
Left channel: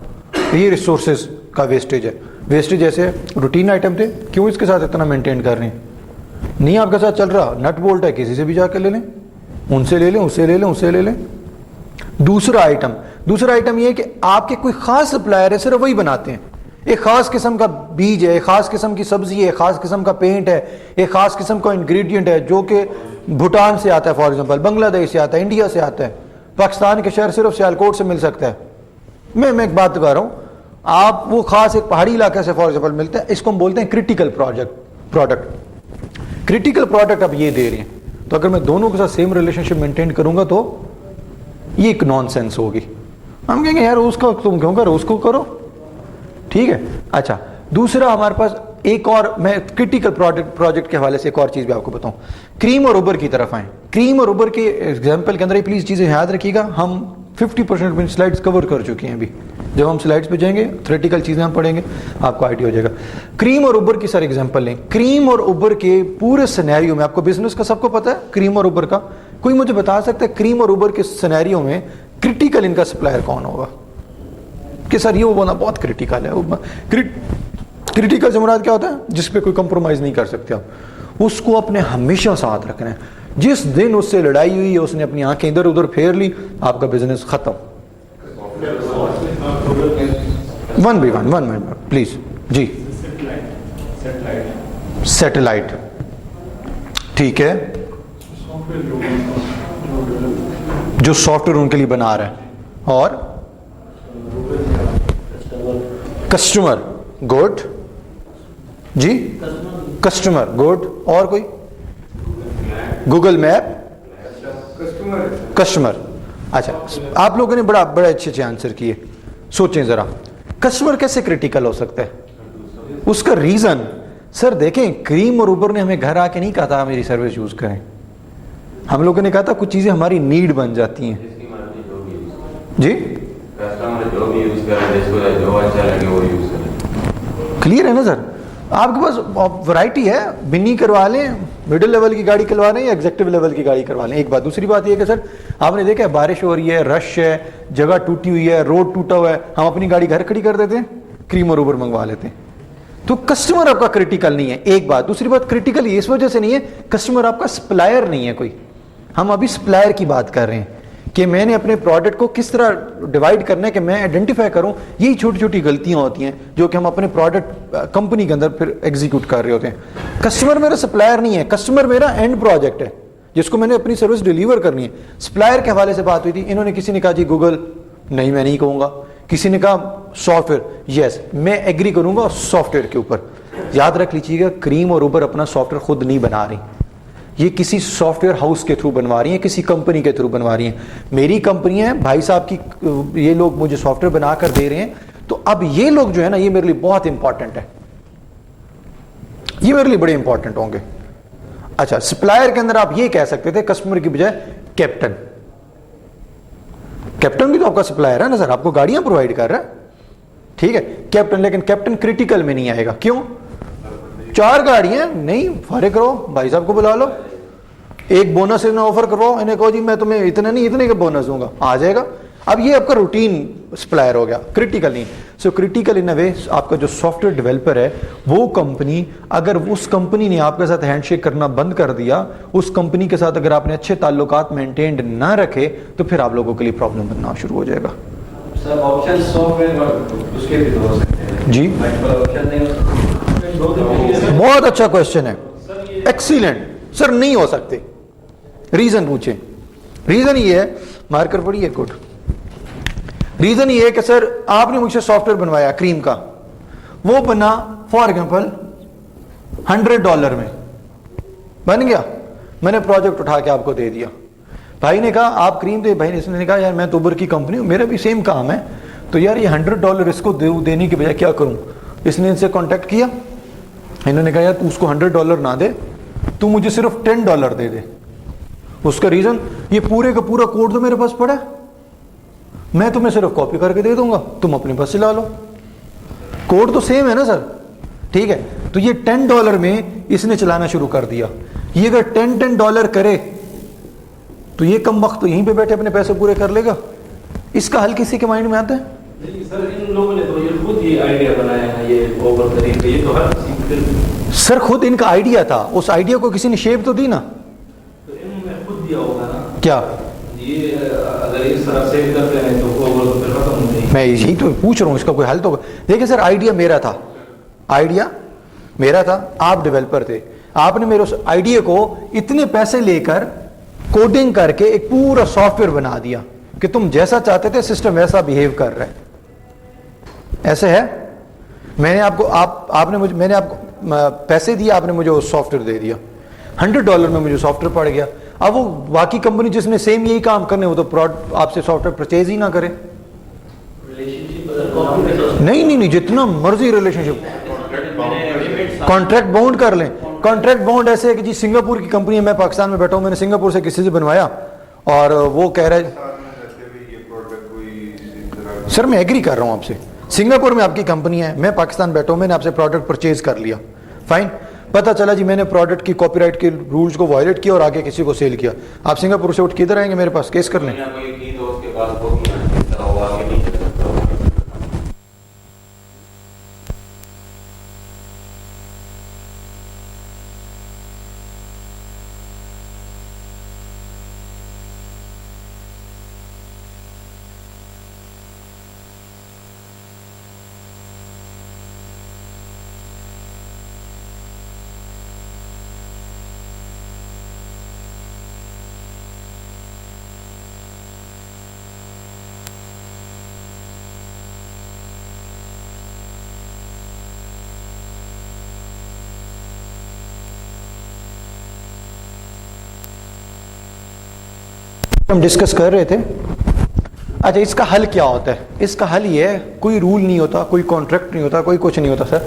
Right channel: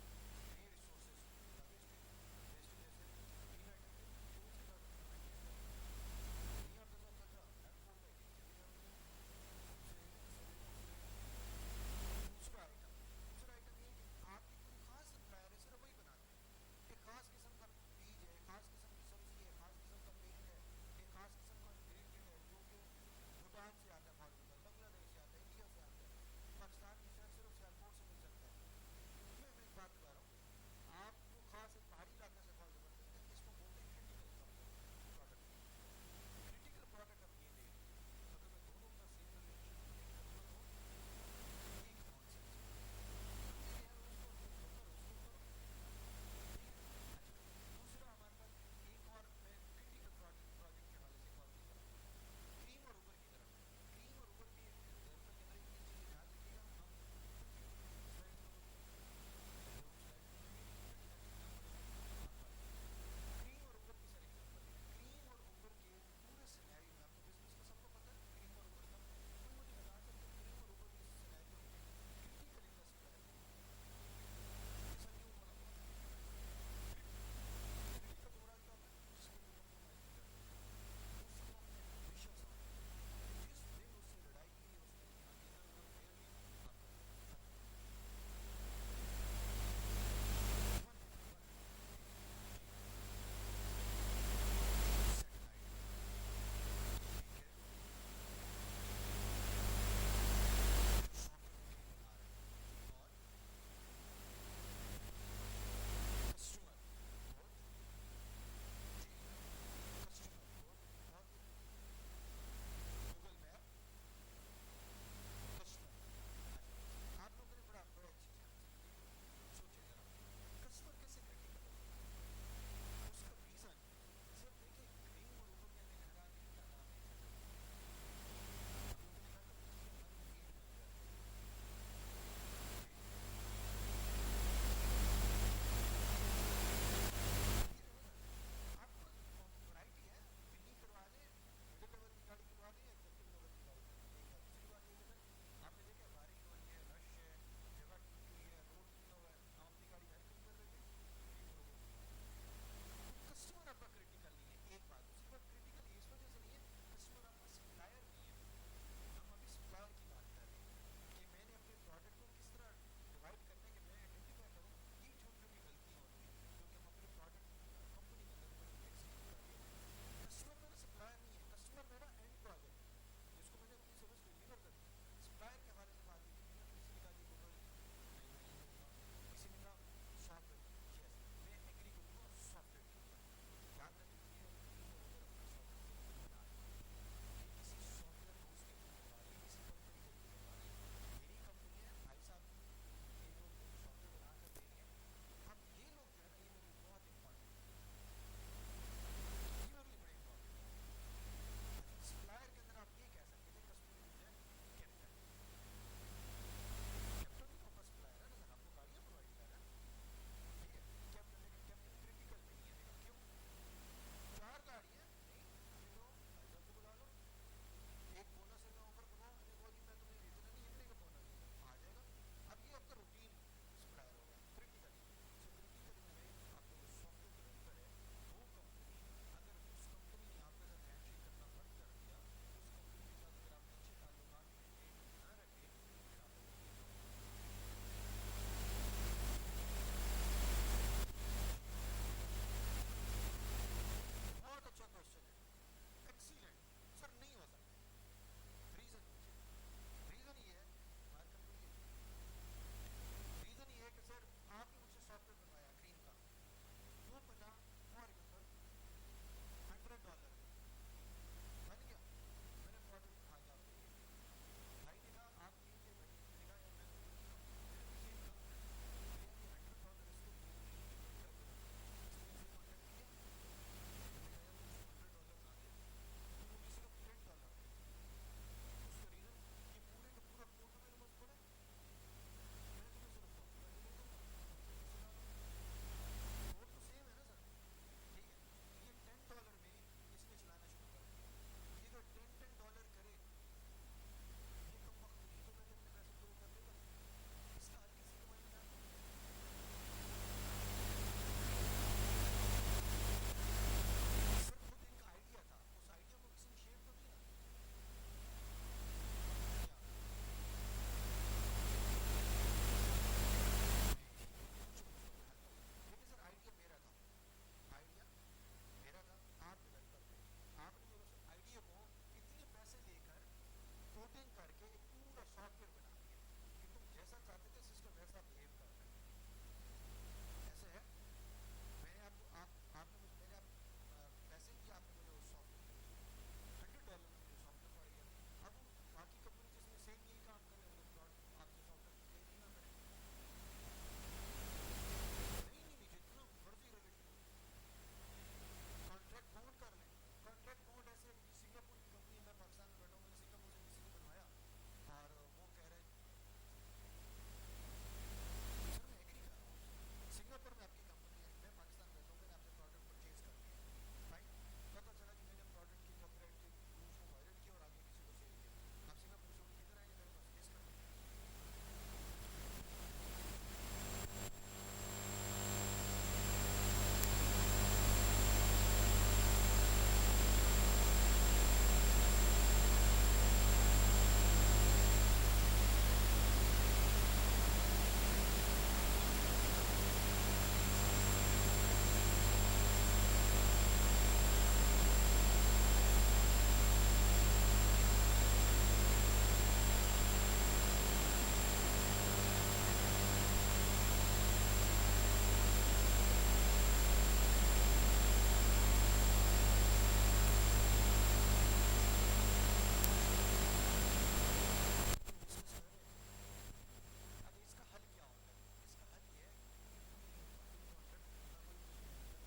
یہ ریسورسز کا ویسٹیج ہے. ویسٹیج ایسے روٹین آئٹم تھے, کیوں اس کے ساتھ اتنا مینٹین کر رہے ہیں؟ نہیں آپ کے ساتھ چل رہا, نٹ بولٹ ہے, کسی سے بھی جا کے لے لیں, ان سے لے لیں, اسے لے لیں, اسے لے لیں. دوسرا آئٹم یہ ہے کہ آپ کے کوئی خاص سپلائر ہے, صرف وہی بناتے ہیں. ایک خاص قسم کا بیج ہے, ایک خاص قسم کی سبزی ہے, ایک خاص قسم کا پینٹ ہے, ایک خاص قسم کا انگریڈینٹ ہے جو کہ بھوٹان سے آتا ہے, فار ایگزامپل بنگلہ دیش سے آتا ہے, انڈیا سے آتا ہے, پاکستان کے شہر صرف سیالکوٹ سے مل سکتا ہے. میں ایک بات کر رہا ہوں, آپ وہ خاص ایک پہاڑی علاقے سے فار ایگزامپل ملتا ہے, اس کو ہم بولتے ہیں کریٹیکل پروڈکٹ. کریٹیکل پروڈکٹ اب یہ دے رہے ہیں, تو اگر میں دونوں کے ساتھ سیم ریلیشن شپ مینٹین کروں گا تو یہ ایک نان سینس ہوگی. ہم کہیں گے یار اس کا تم کیوں کرو, اس کو کرو, ٹھیک ہے. اچھا دوسرا ہمارے پاس ایک اور, میں کریٹیکل پروجیکٹ کے حوالے سے ایک اور چیز بھی آپ کو بتاؤں. کریم اور اوبر کی طرف آئیں. کریم اور اوبر کے ایگزامپل کے اندر پلیز چیزیں یاد رکھیے گا, ہم 50% سلائڈز کور کر چکے ہیں ابھی. جب ہم سلائڈز پہ جائیں گے تھیوریٹیکل چیزیں ہم پڑھیں گے, آپ کو آئیڈیا ہو جائے گا. کریم اور اوبر کی سر ایگزامپل لیں. کریم اور اوبر کے پورے سینیریو میں, آپ کو بزنس کا سب کو پتا ہے کریم اور اوبر کا, کوئی مجھے بتا سکتا ہے کریم اور اوبر کے سینیریو میں کریٹیکل ان کا سپلائر کون ہوگا کہ سر یہ وہ بنا بہت کریٹیکل ہے. کریٹیکل سے مراد کیا ہوتا ہے؟ جس پہ کوئی کمپرومائز نہیں کر سکتے آپ, اس کو اپنے ہمیشہ ساتھ رکھنا ہے. جس دن اس سے لڑائی ہوئی ہے, اس نے اپنی آنکھیں ادھر ادھر پھیر لی, آپ کا بزنس ختم. One by one please. جی سیٹلائٹ, ٹھیک ہے, جو سافٹ ویئر ان کے لیے بنا رہے ہیں, اور کسٹمر گڈ, جی کسٹمر گڈ, اور کوئی گوگل میپ کسٹمر. اچھا آپ لوگوں نے بڑے اچھے آنسر کیے. سوچیں ذرا کسٹمر کیسے کریٹیکل ہو سکتا ہے؟ اس کا ریزن سر دیکھیں, کریم اور اوبر نے ہمیں گھر آ کے نہیں کہا تھا میری سروس یوز کریں. ہم لوگوں نے کہا تھا کچھ چیزیں ہماری نیڈ بن جاتی ہیں. جی کلیئر ہے نا سر؟ آپ کے پاس ورائٹی ہے, بنی کروا لیں, مڈل لیول کی گاڑی کروا لیں یا ایگزیکٹو لیول کی گاڑی کروا لیں. ایک بات. دوسری بات یہ ہے کہ سر آپ نے دیکھا ہے بارش ہو رہی ہے, رش ہے, جگہ ٹوٹی ہوئی ہے, روڈ ٹوٹا ہوا ہے, ہم اپنی گاڑی گھر کھڑی کر دیتے ہیں, کریم اور اوبر منگوا لیتے ہیں. تو کسٹمر آپ کا کریٹیکل نہیں ہے, ایک بات. دوسری بات کریٹیکل اس وجہ سے نہیں ہے, کسٹمر آپ کا سپلائر نہیں ہے کوئی. ہم ابھی سپلائر کی بات کر رہے ہیں کہ میں نے اپنے پروڈکٹ کو کس طرح ڈیوائڈ کرنا ہے کہ میں آئیڈینٹیفائی کروں. یہی چھوٹی چھوٹی غلطیاں ہوتی ہیں جو کہ ہم اپنے پروڈکٹ کمپنی کے اندر پھر ایگزیکیوٹ کر رہے ہوتے ہیں. کسٹمر میرا سپلائر نہیں ہے, کسٹمر میرا اینڈ پروجیکٹ ہے جس کو میں نے اپنی سروس ڈیلیور کرنی ہے. سپلائر کے حوالے سے بات ہوئی تھی, انہوں نے کسی نے کہا جی گوگل, نہیں میں نہیں کہوں گا. کسی نے کہا سافٹ ویئر, یس میں ایگری کروں گا سافٹ ویئر کے اوپر. یاد رکھ لیجیے گا کریم اور اوبر اپنا سافٹ ویئر خود نہیں بنا رہی, یہ کسی سافٹ ویئر ہاؤس کے تھرو بنوا رہی ہیں, کسی کمپنی کے تھرو بنوا رہی ہیں. میری کمپنی ہے بھائی صاحب کی, یہ لوگ مجھے سافٹ ویئر بنا کر دے رہے ہیں, تو اب یہ لوگ جو ہے نا یہ میرے لیے بہت امپورٹنٹ ہے, یہ میرے لیے بڑے امپورٹنٹ ہوں گے. اچھا سپلائر کے اندر آپ یہ کہہ سکتے تھے کسٹمر کی بجائے کیپٹن. کیپٹن بھی تو آپ کا سپلائر ہے نا سر, آپ کو گاڑیاں پرووائڈ کر رہا ہے, ٹھیک ہے کیپٹن. لیکن کیپٹن کریٹیکل میں نہیں آئے گا. کیوں؟ 4 گاڑیاں نہیں, فارغ کرو بھائی صاحب کو بلا لو, ایک بونس انہیں آفر کرواؤ, انہیں کہو جی میں تمہیں اتنا نہیں اتنے کا بونس دوں گا, آ جائے گا. اب یہ آپ کا روٹین سپلائر ہو گیا, کریٹیکل نہیں. سو کریٹیکل ان اے وے آپ کا جو سافٹ ویئر ڈیولپر ہے وہ کمپنی, اگر اس کمپنی نے آپ کے ساتھ ہینڈ شیک کرنا بند کر دیا, اس کمپنی کے ساتھ اگر آپ نے اچھے تعلقات مینٹینڈ نہ رکھے, تو پھر آپ لوگوں کے لیے پرابلم بننا شروع ہو جائے گا. سر آپشن سافٹ ویئر اس کے بھی ہو سکتے ہیں جی, بہت اچھا کوشچن ہے, ایکسیلنٹ. سر نہیں ہو سکتے, ریزن پوچھیں. ریزن یہ ہے, مارکر پڑی ہے, گڈ. ریزن یہ ہے کہ سر آپ نے مجھ سے سافٹ ویئر بنوایا کریم کا, وہ بنا فار ایگزامپل $100 میں بن گیا, میں نے پروجیکٹ اٹھا کے آپ کو دے دیا. بھائی نے کہا آپ کریم دے, بھائی نے کہا یار میں تو اوبر کی کمپنی ہوں, میرا بھی سیم کام ہے, تو یار یہ $100 اس کو دینے کے بجائے کیا کروں. اس نے ان سے کانٹیکٹ کیا, انہوں نے کہا یار تو اس کو $100 نہ دے, تو مجھے صرف $10 دے دے. اس کا ریزن, یہ پورے کا پورا کوڈ تو میرے پاس پڑا ہے, میں تمہیں صرف کاپی کر کے دے دوں گا, تم اپنے پاس چلا لو, کوڈ تو سیم ہے نا سر. ٹھیک ہے, تو یہ $10 میں اس نے چلانا شروع کر دیا. یہ اگر $10 کرے تو یہ کم وقت تو یہیں پہ بیٹھے اپنے پیسے پورے کر لے گا. اس کا حل کسی کے مائنڈ میں آتا ہے؟ نہیں سر, ان لوگوں نے تو یہ خود یہ آئیڈیا بنایا ہے, یہ اوور طریقے, یہ تو ہر کسی سر خود ان کا آئیڈیا تھا, اس آئیڈیا کو کسی نے شیپ تو دی نا. تو انہوں نے خود دیا ہوگا نا. کیا یہ اگر اس طرح سیو کرتے ہیں تو اوور تو پھر ختم ہو جائے گی. میں یہی تو پوچھ رہا ہوں, اس کا کوئی حل تو. دیکھیں سر, آئیڈیا میرا تھا, آئیڈیا میرا تھا, آپ ڈیولپر تھے, آپ نے میرے اس آئیڈیا کو اتنے پیسے لے کر کوڈنگ کر کے ایک پورا سافٹ ویئر بنا دیا کہ تم جیسا چاہتے تھے سسٹم ویسا بیہیو کر رہا ہے. ایسے ہے, میں نے آپ کو آپ نے مجھے, میں نے آپ کو پیسے دیے, آپ نے مجھے وہ سافٹ ویئر دے دیا, $100 میں مجھے سافٹ ویئر پڑ گیا. اب وہ باقی کمپنی جس نے سیم یہی کام کرنے, وہ تو آپ سے سافٹ ویئر پرچیز ہی نہ کرے. نہیں, جتنا مرضی ریلیشن شپ, کانٹریکٹ باؤنڈ کر لیں. کانٹریکٹ باؤنڈ ایسے ہے کہ جی سنگاپور کی کمپنی ہے, میں پاکستان میں بیٹھا ہوں, میں نے سنگاپور سے کسی سے بنوایا اور وہ کہہ رہا ہے, سر میں ایگری کر رہا ہوں آپ سے, سنگاپور میں آپ کی کمپنی ہے, میں پاکستان بیٹھا ہوں, میں نے آپ سے پروڈکٹ پرچیز کر لیا, فائن. پتہ چلا جی میں نے پروڈکٹ کی کاپی رائٹ کے رولز کو وائلیٹ کیا اور آگے کسی کو سیل کیا. آپ سنگاپور سے اٹھ کے ادھر آئیں گے میرے پاس کیس کر لیں. ہم ڈسکس کر رہے تھے. اچھا, اس کا حل کیا ہوتا ہے؟ اس کا حل یہ ہے, کوئی رول نہیں ہوتا, کوئی کانٹریکٹ نہیں ہوتا, کوئی کچھ نہیں ہوتا. سر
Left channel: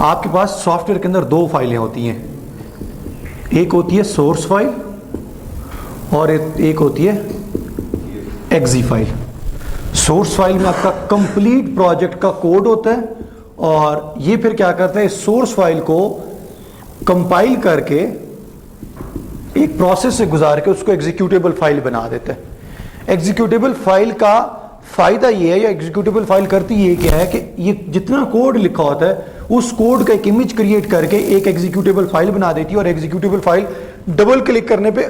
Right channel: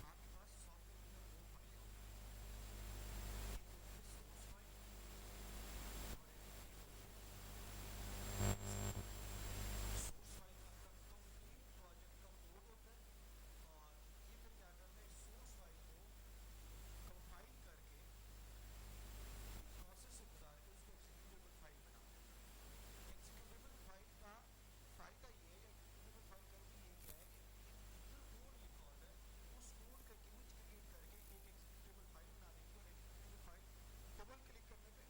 آپ کے پاس سافٹ ویئر کے اندر 2 فائلیں ہوتی ہیں, ایک ہوتی ہے سورس فائل اور ایک ہوتی ہے ایگزی فائل. سورس فائل میں آپ کا کمپلیٹ پروجیکٹ کا کوڈ ہوتا ہے, اور یہ پھر کیا کرتا ہے, سورس فائل کو کمپائل کر کے ایک پروسیس سے گزار کے اس کو ایگزیکیوٹیبل فائل بنا دیتا ہے. ایگزیکیوٹیبل فائل کا فائدہ یہ ہے, یا ایگزیکیوٹیبل فائل کرتی یہ کیا ہے کہ یہ جتنا کوڈ لکھا ہوتا ہے اس کوڈ کا ایک امیج کریٹ کر کے ایک ایگزیکیوٹیبل فائل بنا دیتی ہے, اور ایگزیکیوٹیبل فائل ڈبل کلک کرنے پہ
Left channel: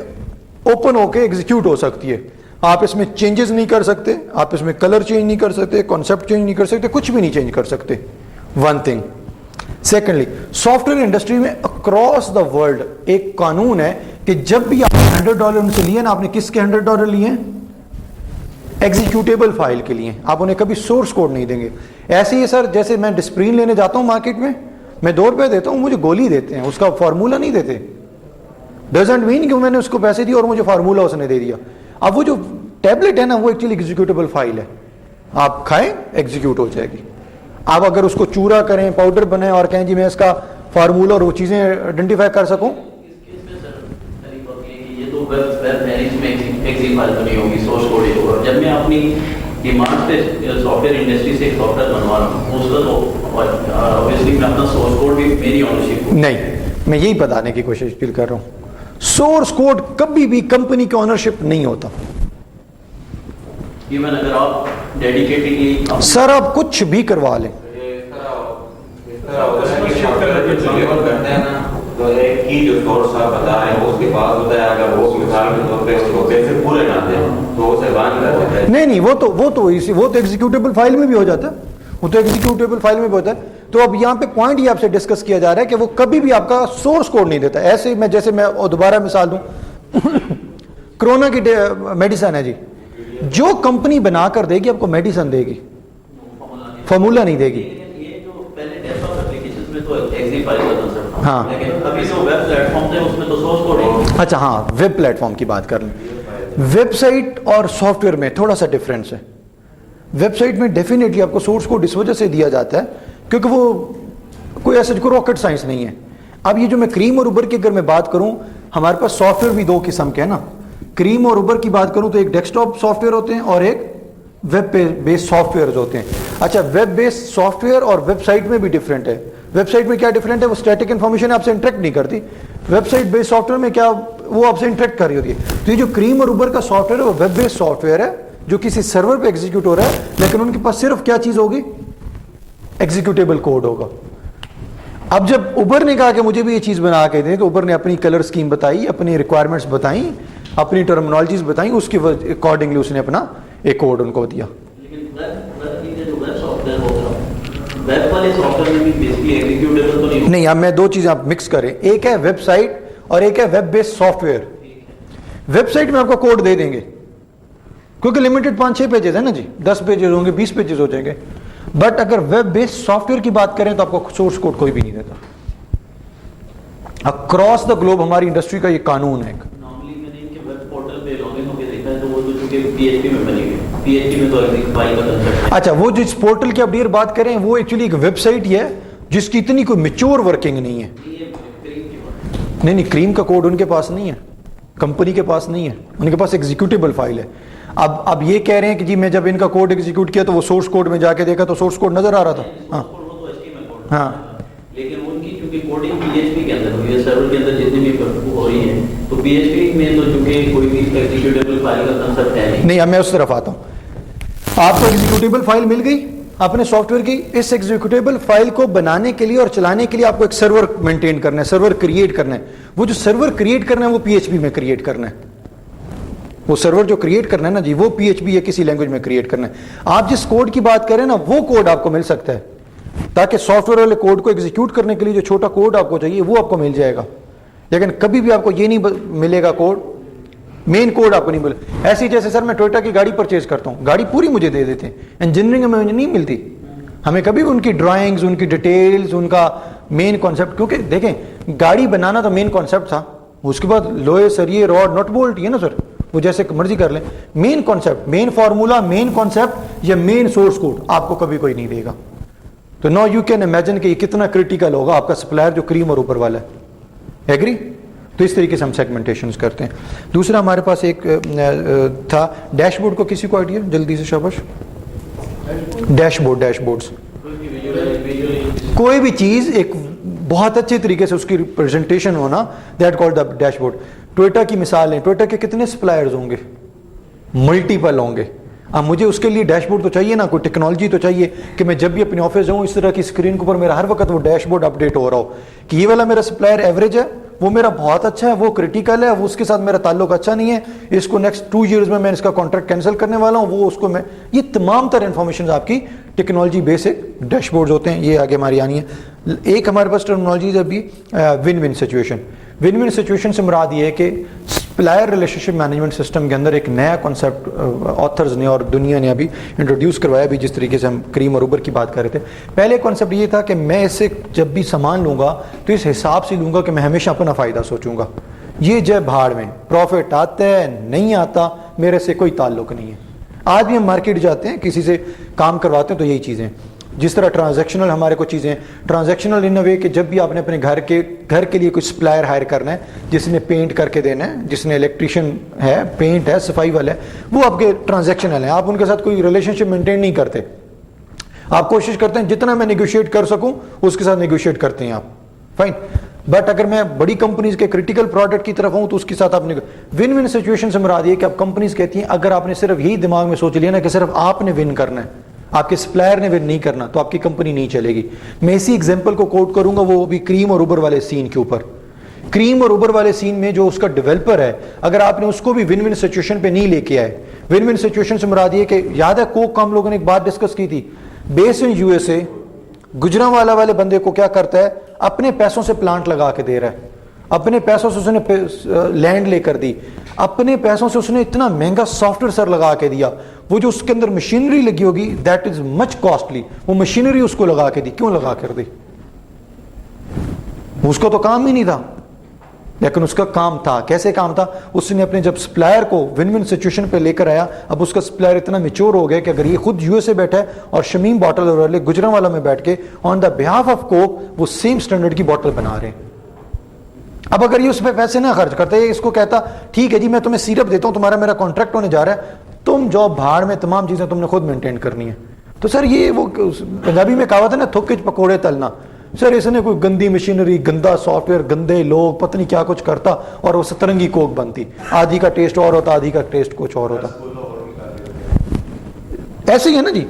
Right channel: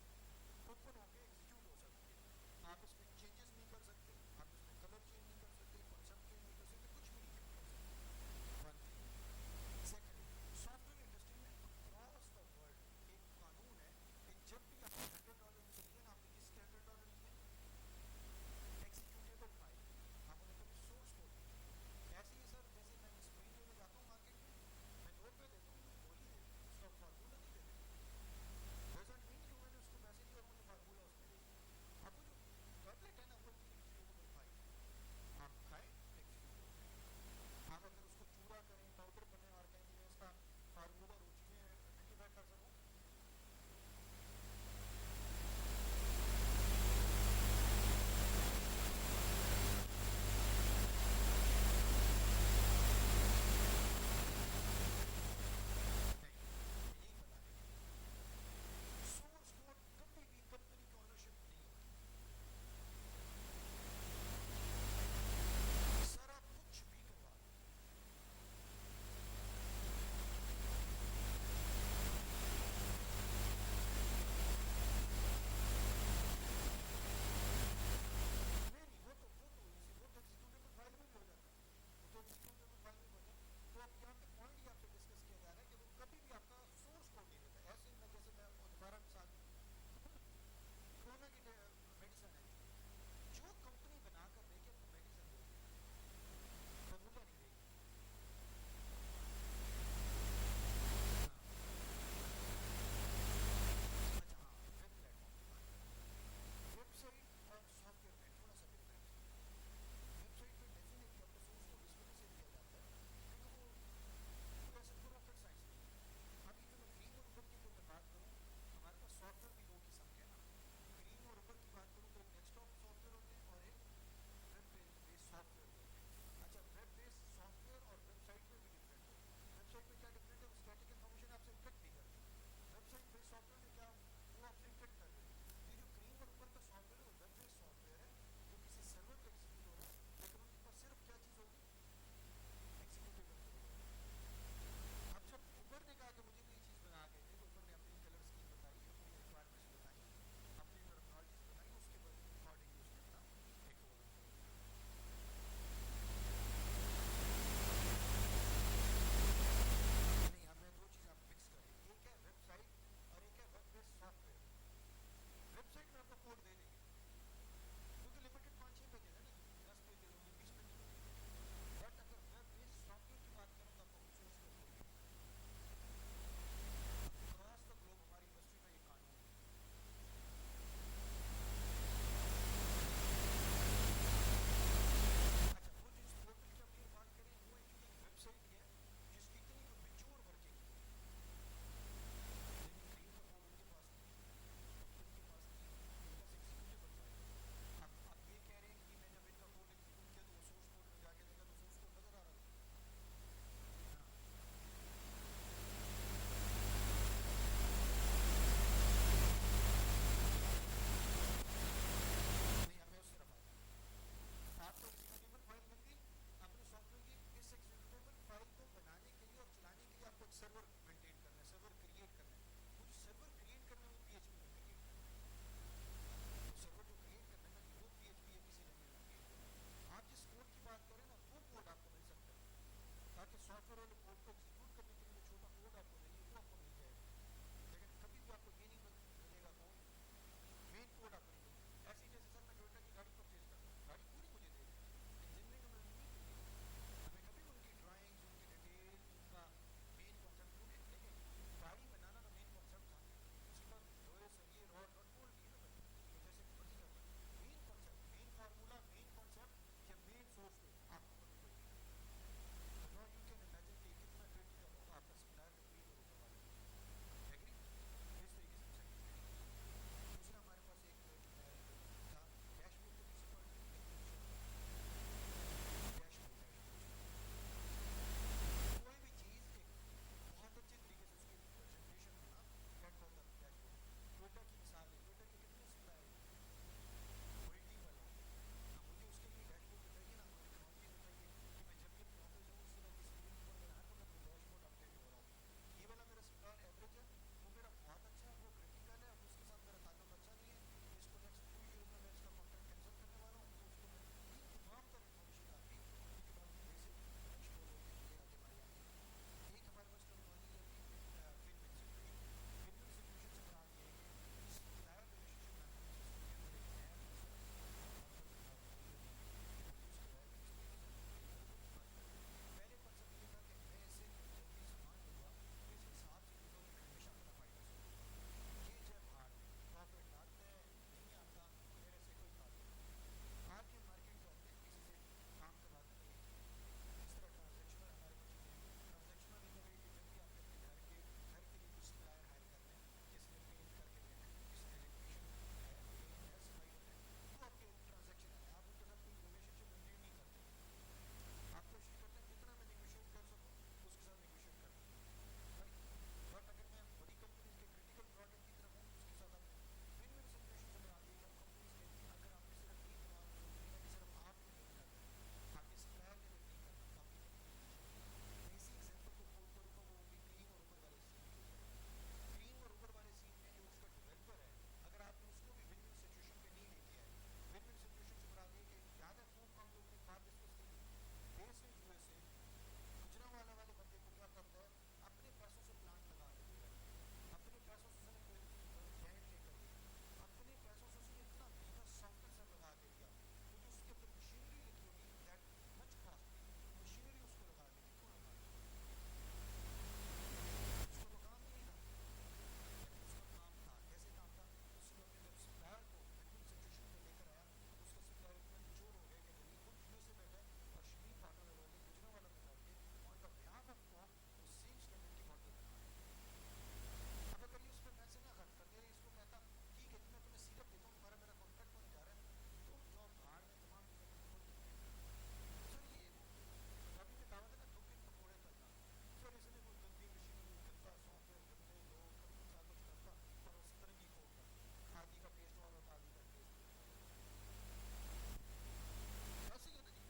اوپن ہو کے ایگزیکیوٹ ہو سکتی ہے. آپ اس میں چینجز نہیں کر سکتے, آپ اس میں کلر چینج نہیں کر سکتے, کانسیپٹ چینج نہیں کر سکتے, کچھ بھی نہیں چینج کر سکتے. One thing. Secondly, soft where industry میں اکراس دا ورلڈ ایک قانون ہے کہ جب بھی آپ نے $100 ان سے لیے نا, آپ نے کس کے $100 لیے ہیں؟ ایگزیکیوٹیبل فائل کے لیے. آپ انہیں کبھی سورس کوڈ نہیں دیں گے. ایسے ہی سر, جیسے میں ڈسپرین لینے جاتا ہوں مارکیٹ میں $2 دیتا ہوں, مجھے گولی دیتے ہیں, اس کا فارمولہ نہیں دیتے. ڈزنٹ مین کہ میں نے اس کو پیسے دیے اور مجھے فارمولہ اس نے دے دیا. اب وہ جو ٹیبلٹ ہے نا, وہ ایکچولی ایگزیکیوٹیبل فائل ہے, آپ کھائیں ایگزیکیوٹ ہو جائے گی. آپ اگر اس کو چورا کریں, پاؤڈر بنائیں اور کہیں جی میں اس کا فارمولہ اور وہ چیزیں آئیڈینٹیفائی کر سکوں. جب میں اپنی ڈیمانڈ پہ سافٹ ویئر انڈسٹری سے ایک سافٹ ویئر بنوا رہا ہوں, اس کا تو obviously میں اپنا سورس کوڈ بھی میری اونرشپ. نہیں, میں یہی بتانے کی کوشش کر رہا ہوں, سورس کوڈ کبھی بھی کمپنی کی اونرشپ نہیں ہوتا. ایون اگر آپ ڈیڈیکیٹڈلی سر آپ کچھ بھی کروا لیں, کی جو سورس آپ بتا رہے ہیں اس کے بعد ہوتا ہے, اگر وہ مثال کے طور پہ اس کو پیسے پورے نہ دیں تو اسے بان کر دیتا ہے. نہیں, وہ تو ایگزیکیوٹیبل فائل میں بھی ہو جاتا ہے, وہ تو ایگزیکیوٹیبل فائل میں بھی ہوتا ہے. تو اب یہاں پہ پوائنٹ یہ آپ سے ڈسکس کیا جا رہا ہے کہ وہ کبھی بھی آپ کا سورس کوڈ نہیں دیتا. ایسے میں جیسے میں دوبارہ مثال دوں, کرونا کی میڈیسن ہے جی, جو کمپنی بنا کر دے گی آپ کو میڈیسن دے گی, فارمولہ نہیں دے گی. ہاں اچھا, ہاں ویب پلیٹ فارم کی بات کر لیں. ویب سائٹ اور سافٹ ویئر میں تھوڑا سا ڈفرینس ہے. ویب سائٹ میں ڈیفینیٹلی آپ کو سورس کوڈ اس وجہ سے دیا جاتا ہے کیونکہ وہ کوئی ایسا کوئی راکٹ سائنس نہیں ہے. اب یہ جو میں کریم اور اوبر کی اگر میں بات کروں, ہمارے پاس سافٹ ویئر بھی دو قسم کے ہیں نا. کریم اور اوبر کی بات کروں تو ایک ڈیسک ٹاپ سافٹ ویئر ہوتے ہیں اور ایک ویب بیس سافٹ ویئر ہوتے ہیں. اچھا, ویب بیس سافٹ ویئر اور ویب سائٹ میں بھی ڈفرینٹ ہے. ویب سائٹ میں کیا ڈفرینٹ ہے, وہ اسٹیٹک انفارمیشن آپ سے انٹریکٹ نہیں کرتی. Website base software میں کیا, وہ آپ سے انٹریکٹ کر رہی ہوتی ہے. تو یہ جو کریم اور اوبر کا سافٹ ویئر ہے وہ ویب بیس سافٹ ویئر ہے جو کسی سرور پہ ایگزیکیوٹ ہو رہا ہے, لیکن ان کے پاس صرف کیا چیز ہوگی, ایگزیکیوٹیبل کوڈ ہوگا. اب جب اوبر نے کہا کہ مجھے بھی یہ چیز بنا کے دیں, تو اوبر نے اپنی کلر اسکیم بتائی, اپنی ریکوائرمنٹس بتائیں, اپنی ٹرمنالوجیز بتائیں, اس کے اکارڈنگلی اس نے اپنا ایک کوڈ ان کو دیا. نہیں, اب میں دو چیزیں آپ مکس کریں, ایک ہے ویب سائٹ اور ایک ہے web base software. Website میں آپ کو کوڈ دے دیں گے کیونکہ لمیٹڈ 5-6 پیجز ہیں نا جی, 10 پیجز ہوں گے, 20 پیجز ہو جائیں گے. بٹ اگر ویب بیس سافٹ ویئر کی بات کریں تو آپ کو سورس کوڈ کوئی بھی نہیں دیتا. اکراس دا گلوب ہماری انڈسٹری کا یہ قانون ہے. اچھا, وہ جو اس پورٹل کی آپ ڈیر بات کریں وہ ایکچولی ایک ویب سائٹ ہی ہے جس کی اتنی کوئی میچور ورکنگ نہیں ہے. نہیں, کریم کا کوڈ ان کے پاس نہیں ہے, کمپنی کے پاس نہیں ہے, ان کے پاس ایگزیکیوٹیبل فائل ہے. اب یہ کہہ رہے ہیں کہ جی میں جب ان کا کوڈ ایگزیکیوٹ کیا تو وہ سورس کوڈ میں جا کے دیکھا تو سورس کوڈ نظر آ رہا تھا. ہاں ہاں, لیکن ان کی چونکہ کوڈنگ پی ایچ پی کے اندر ہوئی ہے, سرور کے اندر جتنی بھی ہو رہی ہے, تو پی ایچ پی میں تو چونکہ کوئی بھی ایگزیکیوٹیبل فائل کا کنسپٹ ہے نہیں. اب میں اس طرف آتا ہوں. آپ کو ایگزیکیوٹیبل فائل مل گئی اپنے سافٹ ویئر کی. اس ایگزیکیوٹیبل فائل کو بنانے کے لیے اور چلانے کے لیے آپ کو ایک سرور مینٹین کرنا ہے, سرور کریٹ کرنا ہے. وہ جو سرور کریٹ کرنا ہے وہ پی ایچ پی میں کریٹ کرنا ہے. وہ سرور جو کریٹ کرنا ہے نا جی, وہ پی ایچ پی یا کسی لینگویج میں کریٹ کرنا ہے. آپ جس کوڈ کی بات کریں نا وہ کوڈ آپ کو مل سکتا ہے, تاکہ سافٹ ویئر والے کوڈ کو ایگزیکیوٹ کرنے کے لیے جو چھوٹا کوڈ آپ کو چاہیے وہ آپ کو مل جائے گا. لیکن کبھی بھی آپ کو یہ نہیں ملے گا کوڈ, مین کوڈ آپ کو نہیں ملے. ایسی جیسے سر میں ٹویوٹا کی گاڑی پرچیز کرتا ہوں, گاڑی پوری مجھے دے دیتے ہیں, انجینئرنگ میں مجھے نہیں ملتی. ہمیں کبھی بھی ان کی ڈرائنگز, ان کی ڈیٹیلز, ان کا مین کانسیپٹ, کیونکہ دیکھیں گاڑی بنانا تو مین کانسیپٹ تھا, اس کے بعد لوہے, سریے, راڈ, نٹ بولٹ ہے نا سر, وہ جیسے مرضی کر لیں. مین کانسیپٹ, مین فارمولا, مین کانسیپٹ یا مین سورس کوڈ آپ کو کبھی کوئی نہیں دے گا. تو نو یو کین امیجن کہ یہ کتنا کریٹیکل ہوگا آپ کا سپلائر جو کریم اور اوپر والا ہے. ایگری؟ تو اس طریقے سے ہم سیگمنٹیشنز کرتے ہیں. دوسرا ہمارے پاس ایک تھا ڈیش بورڈ. کو کسی کو آئیڈیا جلدی سے شاباش؟ ڈیش بورڈز, کوئی بھی چیز ایک بہت اچھے طریقے سے اس کی ریپرزنٹیشن ہونا, that called the dash board. Toyota کی مثال ہے, ٹویوٹا کے کتنے سپلائرز ہوں گے, ملٹیپل ہوں گے. اب مجھے اس کے لیے ڈیش بورڈ تو چاہیے نا, کوئی ٹیکنالوجی تو چاہیے کہ میں جب بھی اپنے آفس جاؤں اس طرح کی اسکرین کے اوپر میرا ہر وقت وہ ڈیش بورڈ اپڈیٹ ہو رہا ہو کہ یہ والا میرا سپلائر ایوریج ہے, وہ میرا بہت اچھا ہے, وہ کریٹیکل ہے, وہ اس کے ساتھ میرا تعلق اچھا نہیں ہے, اس کو نیکسٹ 2 ایئرز میں اس کا کانٹریکٹ کینسل کرنے والا ہوں, وہ اس کو میں. یہ تمام تر انفارمیشن آپ کی ٹیکنالوجی بیسک ڈیش بورڈز ہوتے ہیں. یہ آگے ہماری آنی ہے. ایک ہمارے پاس ٹرمنالوجی ہے ابھی one one situation. One one situation سے مراد یہ ہے کہ supplier relationship management system کے اندر ایک نیا کانسیپٹ آتھرز نے اور دنیا نے ابھی انٹروڈیوس کروایا بھی, جس طریقے سے ہم کریم اور اوبر کی بات کر رہے تھے. پہلے کانسیپٹ یہ تھا کہ میں اس سے جب بھی سامان لوں گا تو اس حساب سے لوں گا کہ میں ہمیشہ اپنا فائدہ سوچوں گا. یہ جب بھاڑ میں پروفٹ آتا ہے نہیں آتا میرے سے کوئی تعلق نہیں ہے. آج بھی ہم مارکیٹ جاتے ہیں کسی سے کام کرواتے ہیں تو یہی چیزیں, جس طرح ٹرانزیکشنل ہمارے کو چیزیں, ٹرانزیکشنل ان وے کہ جب بھی آپ نے اپنے گھر کے لیے کوئی سپلائر ہائر کرنا ہے, جس نے پینٹ کر کے دینا ہے, جس نے الیکٹریشین ہے, پینٹ ہے, صفائی والا ہے, وہ آپ کے ٹرانزیکشنل ہیں. آپ ان کے ساتھ کوئی ریلیشن شپ مینٹین نہیں کرتے, آپ کوشش کرتے ہیں جتنا میں نیگوشیٹ کر سکوں اس کے ساتھ نیگوشیٹ کرتے ہیں آپ, فائن. بٹ اگر میں بڑی کمپنیز کے کریٹیکل پروڈکٹ کی طرف ہوں تو اس کے ساتھ آپ نے ون ون سچویشن سے مراد یہ کہ اب کمپنیز کہتی ہیں اگر آپ نے صرف یہی دماغ میں سوچ لیا نا کہ صرف آپ نے ون کرنا ہے, آپ کے سپلائر نے ون نہیں کرنا, تو آپ کی کمپنی نہیں چلے گی. میں اسی ایگزامپل کو کوٹ کروں گا, وہ بھی کریم اور اوبر والے سین کے اوپر. کریم اور اوبر والے سین میں جو اس کا ڈیولپر ہے, اگر آپ نے اس کو بھی ون ون سچویشن پہ نہیں لے کے آئے, ون ون سچویشن سے مراد یہ کہ یاد ہے کوک کا ہم لوگوں نے ایک بات ڈسکس کی تھی, بیس ان یو ایس اے گجرانوالا والے بندے کو کیا کرتا ہے, اپنے پیسوں سے پلانٹ لگا کے دے رہا ہے, اپنے پیسوں سے اس نے لینڈ لے کر دی, اپنے پیسوں سے اس نے اتنا مہنگا سافٹ ویئر سر لگا کے دیا, وہ جو اس کے اندر مشینری لگی ہوگی دیٹ از مچ کاسٹلی, وہ مشینری اس کو لگا کے دی. کیوں لگا کر دی؟ اس کو تو کام ہی نہیں تھا, لیکن اس کا کام تھا. کیسے کام تھا؟ اس نے اپنے جب سپلائر کو ون ون سچویشن پہ لے کر آیا, اب اس کا سپلائر اتنا میچور ہو گیا کہ اگر یہ خود یو ایس اے بیٹھا ہے اور شمیم باٹل والے گجرانوالا میں بیٹھ کے آن دا بہاف آف کوک وہ سیم سٹینڈرڈ کی باٹل بنا رہے ہیں. اب اگر یہ اس پہ پیسے نہ خرچ کرتے, اس کو کہتا ٹھیک ہے جی میں تمہیں سیرپ دیتا ہوں, تمہارا میرا کانٹریکٹ ہونے جا رہا ہے, تم جو بھاڑ میں تمام چیزیں تم نے خود مینٹین کرنی ہے. تو سر یہ وہ پنجابی میں کہاوت ہے نا, تھوکے پکوڑے تلنا. سر اس نے کوئی گندی مشینری, گندا سافٹ ویئر, گندے لوگ, پتہ نہیں کیا کچھ کرتا اور وہ سترنگی کوک بنتی. آدھی کا ٹیسٹ اور ہوتا, آدھی کا ٹیسٹ کچھ اور ہوتا. ایسے ہی ہے نا جی.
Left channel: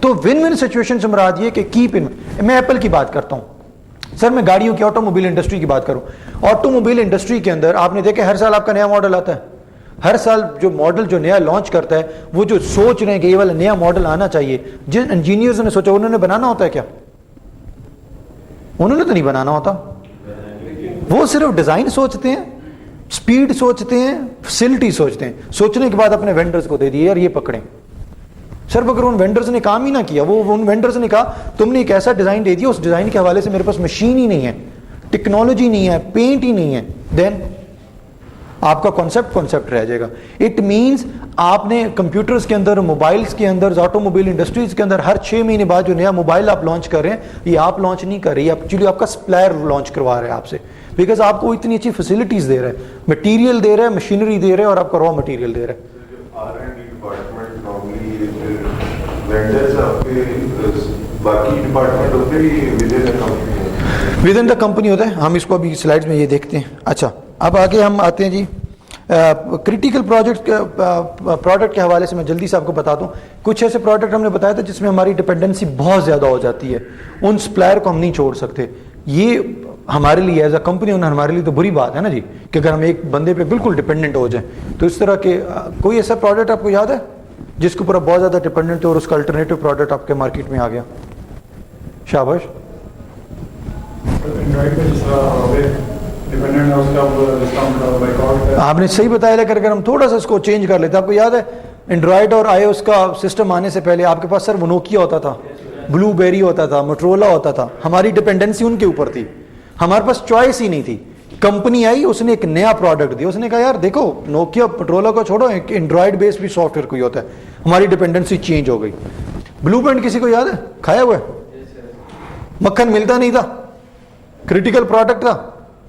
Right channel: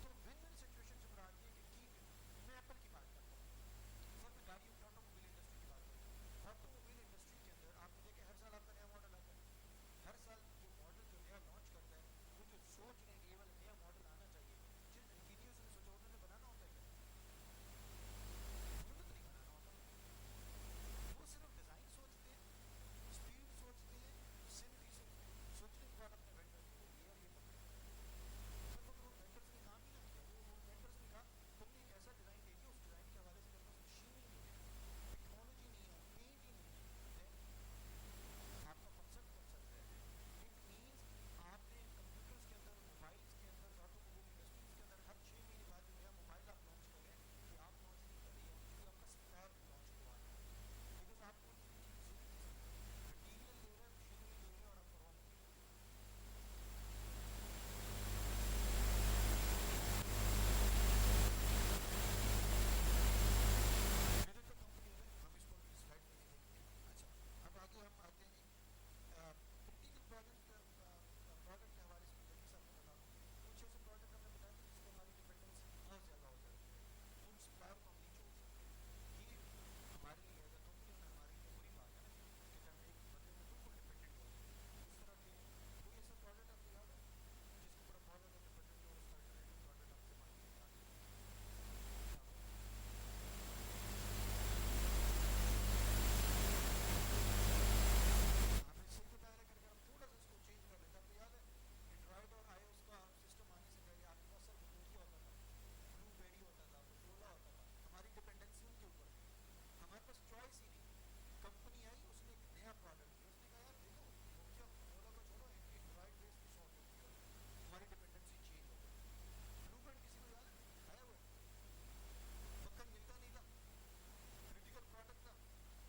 تو ون ون سچویشن سے مراد یہ کہ کیپ ان. میں ایپل کی بات کرتا ہوں سر, میں گاڑیوں کی آٹو موبائل انڈسٹری کی بات کروں. آٹو موبائل انڈسٹری کے اندر آپ نے دیکھا ہر سال آپ کا نیا ماڈل آتا ہے. ہر سال جو ماڈل جو نیا لانچ کرتا ہے, وہ جو سوچ رہے ہیں کہ یہ والا نیا ماڈل آنا چاہیے, جن انجینئرز نے سوچا انہوں نے بنانا ہوتا ہے کیا؟ انہوں نے تو نہیں بنانا ہوتا. وہ صرف ڈیزائن سوچتے ہیں, سپیڈ سوچتے ہیں, فیسلٹی سوچتے ہیں. سوچنے کے بعد اپنے وینڈرز کو دے دیے یار یہ پکڑیں. سر اگر ان وینڈرز نے کام ہی نہ کیا, وہ ان وینڈرز نے کہا تم نے ایک ایسا ڈیزائن دے دیا, اس ڈیزائن کے حوالے سے میرے پاس مشین ہی نہیں ہے, ٹیکنالوجی نہیں ہے, پینٹ ہی نہیں ہے, دین آپ کا کانسیپٹ رہ جائے گا. اٹ مینس آپ نے کمپیوٹرز کے اندر, موبائلز کے اندر, آٹو موبائل انڈسٹریز کے اندر ہر 6 مہینے بعد جو نیا موبائل آپ لانچ کر رہے ہیں, یہ آپ لانچ نہیں کر رہی, ایکچولی آپ کا سپلائر لانچ کروا رہا ہے آپ سے, بیکاز آپ کو اتنی اچھی فیسلٹیز دے رہا ہے, مٹیریل دے رہا ہے, مشینری دے رہا ہے, اور آپ کا را مٹیریل دے رہا ہے. ود ان دا کمپنی ہوتا ہے. ہم اس کو ابھی سلائڈز میں یہ دیکھتے ہیں. اچھا اب آگے ہم آتے ہیں جی کریٹیکل پروڈکٹ کے حوالے سے. میں جلدی سے آپ کو بتا دوں کچھ ایسے پروڈکٹ ہم نے بتایا تھا جس میں ہماری ڈپینڈنسی بہت زیادہ ہو جاتی ہے, ان سپلائر کو ہم نہیں چھوڑ سکتے. یہ ہمارے لیے ایز اے کمپنی ہمارے لیے تو بری بات ہے نا جی, کہ اگر ہم ایک بندے پہ بالکل ڈپینڈنٹ ہو جائیں. تو اس طرح کے کوئی ایسا پروڈکٹ آپ کو یاد ہے جس کے اوپر آپ بہت زیادہ ڈپینڈنٹ ہے اور اس کا الٹرنیٹو پروڈکٹ آپ کے مارکیٹ میں آ گیا؟ شاباش. آپ نے صحیح بتایا, لیکن اگر ہم تھوڑا سا اس کو چینج کر لیتے, آپ کو یاد ہے اینڈرائڈ اور آئی او ایس کا سسٹم آنے سے پہلے آپ کے پاس سر وہ نوکیا ہوتا تھا, بلو بیری ہوتا تھا, موٹرولا ہوتا تھا. ہماری ڈپینڈنسی ان کے اوپر تھی, ہمارے پاس چوائس ہی نہیں تھی. کمپنی آئی, اس نے ایک نیا پروڈکٹ دیا, اس نے کہا یار دیکھو نوکیا موٹرولا کو چھوڑو, ایک اینڈرائڈ بیس بھی سافٹ ویئر کوئی ہوتا ہے. ہماری ڈپینڈنسی چینج ہو گئی. بلو پرنٹ کسی کو یاد ہے؟ کھایا ہوا ہے. مکھن ملتا نہیں تھا, کریٹیکل پروڈکٹ تھا,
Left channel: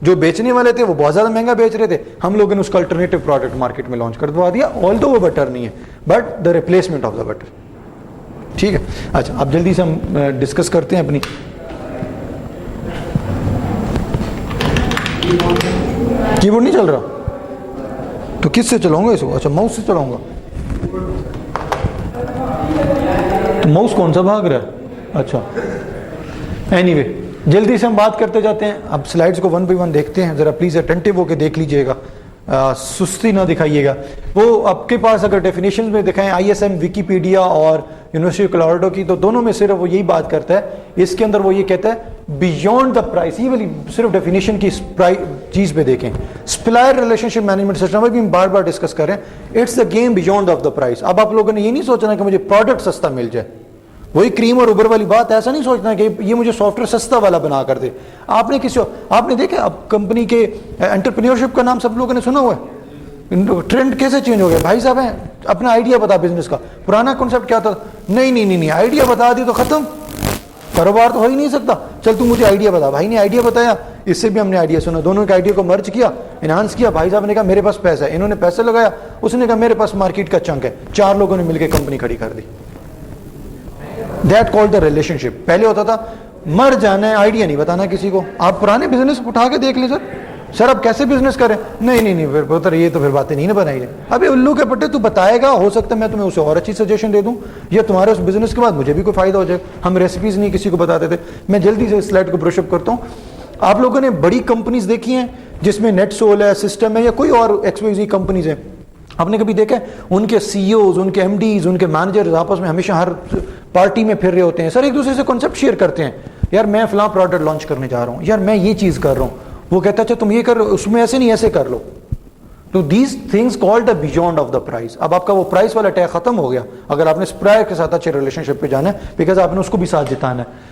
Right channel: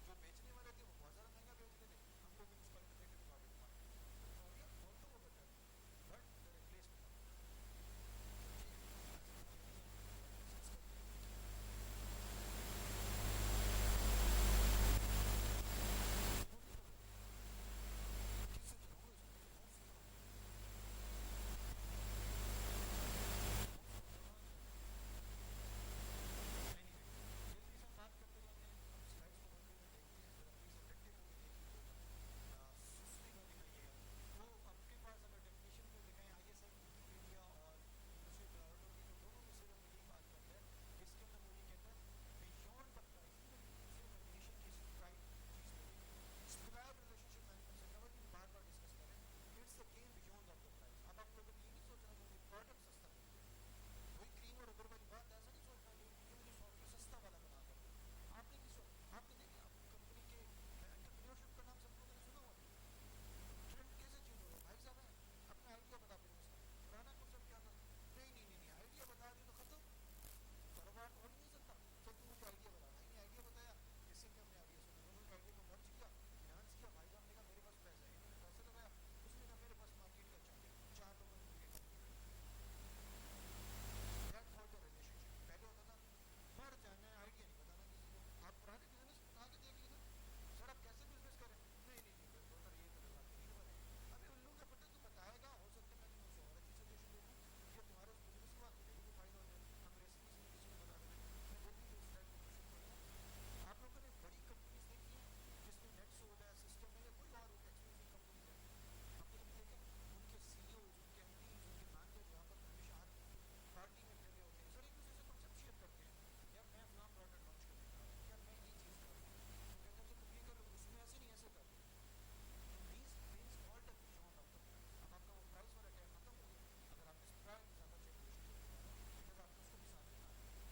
جو بیچنے والے تھے وہ بہت زیادہ مہنگا بیچ رہے تھے. ہم لوگوں نے اس کا الٹرنیٹو پروڈکٹ مارکیٹ میں لانچ کر دیا, آل دو وہ بٹر نہیں ہے, but the replacement of the butter. ٹھیک ہے. اچھا اب جلدی سے ہم ڈسکس کرتے ہیں اپنی. کی بورڈ نہیں چل رہا تو کس سے چلاؤں گا اس کو؟ اچھا ماؤس سے چلاؤں گا. تو ماؤس کون سا بھاگ رہا ہے؟ اچھا اینی وے جلدی سے ہم بات کرتے جاتے ہیں. اب سلائڈز کو 1 by 1 دیکھتے ہیں, ذرا پلیز اٹینٹیو ہو کے دیکھ لیجئے گا, سستی نہ دکھائیے گا. وہ آپ کے پاس اگر ڈیفینیشن میں دکھائیں ISM ویکیپیڈیا اور یونیورسٹی کلوراڈو کی, تو دونوں میں صرف وہ یہی بات کرتا ہے. اس کے اندر وہ یہ کہتا ہے بیونڈ دا پرائس. یہ والی صرف ڈیفینیشن کی چیز پہ دیکھیں. Supplier relationship management system بھی ہم بار بار ڈسکس کریں, it's the game beyond of the price. اب آپ لوگوں نے یہ نہیں سوچنا کہ مجھے پروڈکٹ سستا مل جائے, وہی کریم اور اوبر والی بات. ایسا نہیں سوچنا کہ یہ مجھے سافٹ ویئر سستا والا بنا کر دے. آپ نے کسی آپ نے دیکھا اب کمپنی کے انٹرپرینیورشپ کا نام سب لوگوں نے سنا ہوا ہے. ٹرینڈ کیسے چینج ہو گیا بھائی صاحب ہیں, اپنا آئیڈیا بتا بزنس کا. پرانا کانسیپٹ کیا تھا؟ نہیں آئیڈیا بتا دی تو ختم, کاروبار تو ہو ہی نہیں سکتا. چل تو مجھے آئیڈیا بتا. بھائی نے آئیڈیا بتایا, اس سے بھی ہم نے آئیڈیا سنا, دونوں کے آئیڈیا کو مرج کیا, انہانس کیا. بھائی صاحب نے کہا میرے پاس پیسہ ہے, انہوں نے پیسے لگایا, اس نے کہا میرے پاس مارکیٹ کا چنک ہے, 4 لوگوں نے مل کے کمپنی کھڑی کر دی. دیٹ کالڈ دا ریلیشن شپ. پہلے ہوتا تھا مر جانا ہے, آئیڈیا نہیں بتانا کسی کو. آپ پرانے بزنس اٹھا کے دیکھ لیں سر اب کیسے بزنس کریں. نہیں پھر پتر یہ تو پھر باتیں نہیں بنائی جائیں. ابھی الو کے پٹے تو بتائے گا, ہو سکتا ہے میں تمہیں اسے اور اچھی سجیشن دے دوں, یا تمہارے اس بزنس کے بعد مجھے بھی کوئی فائدہ ہو جائے. ہم ریسیپیز نہیں کسی کو بتاتے تھے. میں جلدی سے سلائڈ کو برش اپ کرتا ہوں. آپ لوگوں نے بڑی کمپنیز دیکھی ہیں جس میں نیٹ سول ہے, سسٹم ہے, یا کوئی اور XYZ کمپنیز ہیں. آپ نے کبھی دیکھا ہے ان کے CEOs, ان کے MDs, ان کے مینیجرز آپس میں ہمیشہ ہر پارٹی میں پھر رہے ہوتے ہیں سر, ایک دوسرے سے کانسیپٹ شیئر کرتے ہیں. یار میں فلاں پروڈکٹ لانچ کرنے جا رہا ہوں, یار میں یہ چیز کر رہا ہوں. وہ کہتا ہے اچھا تم یہ کر رہے ہو, اس میں ایسے نہیں ایسے کر لو. تو these things called the beyond of the prize. اب آپ کا وہ پرائز والا ٹیگ ختم ہو گیا اگر آپ نے سپلائر کے ساتھ اچھے ریلیشن شپ پہ جانا ہے, بیکاز آپ نے اس کو بھی ساتھ جتانا ہے.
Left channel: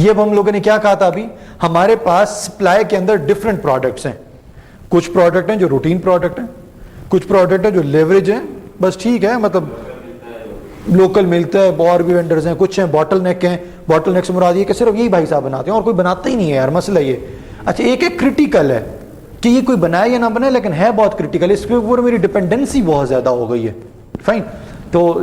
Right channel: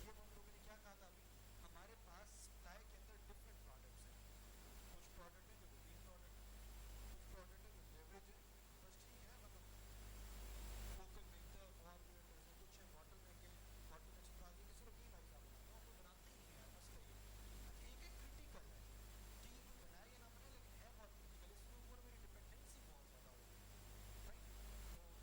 یہ اب ہم لوگوں نے کیا کہا تھا ابھی, ہمارے پاس سپلائی کے اندر ڈفرنٹ پروڈکٹس ہیں. کچھ پروڈکٹ ہیں جو روٹین پروڈکٹ ہیں, کچھ پروڈکٹ ہیں جو لیوریج ہیں, بس ٹھیک ہے, مطلب لوکل ملتا ہے, اور بھی وینڈرز ہیں, کچھ ہیں باٹل نیک ہیں. باٹل نیک سے مراد یہ کہ صرف یہی بھائی صاحب بناتے ہیں اور کوئی بناتا ہی نہیں ہے یار, مسئلہ یہ. اچھا ایک ایک کرٹیکل ہے کہ یہ کوئی بنائے یا نہ بنائے, لیکن ہے بہت کرٹیکل, اس کے اوپر میری ڈپینڈنسی بہت زیادہ ہو گئی ہے. فائن. تو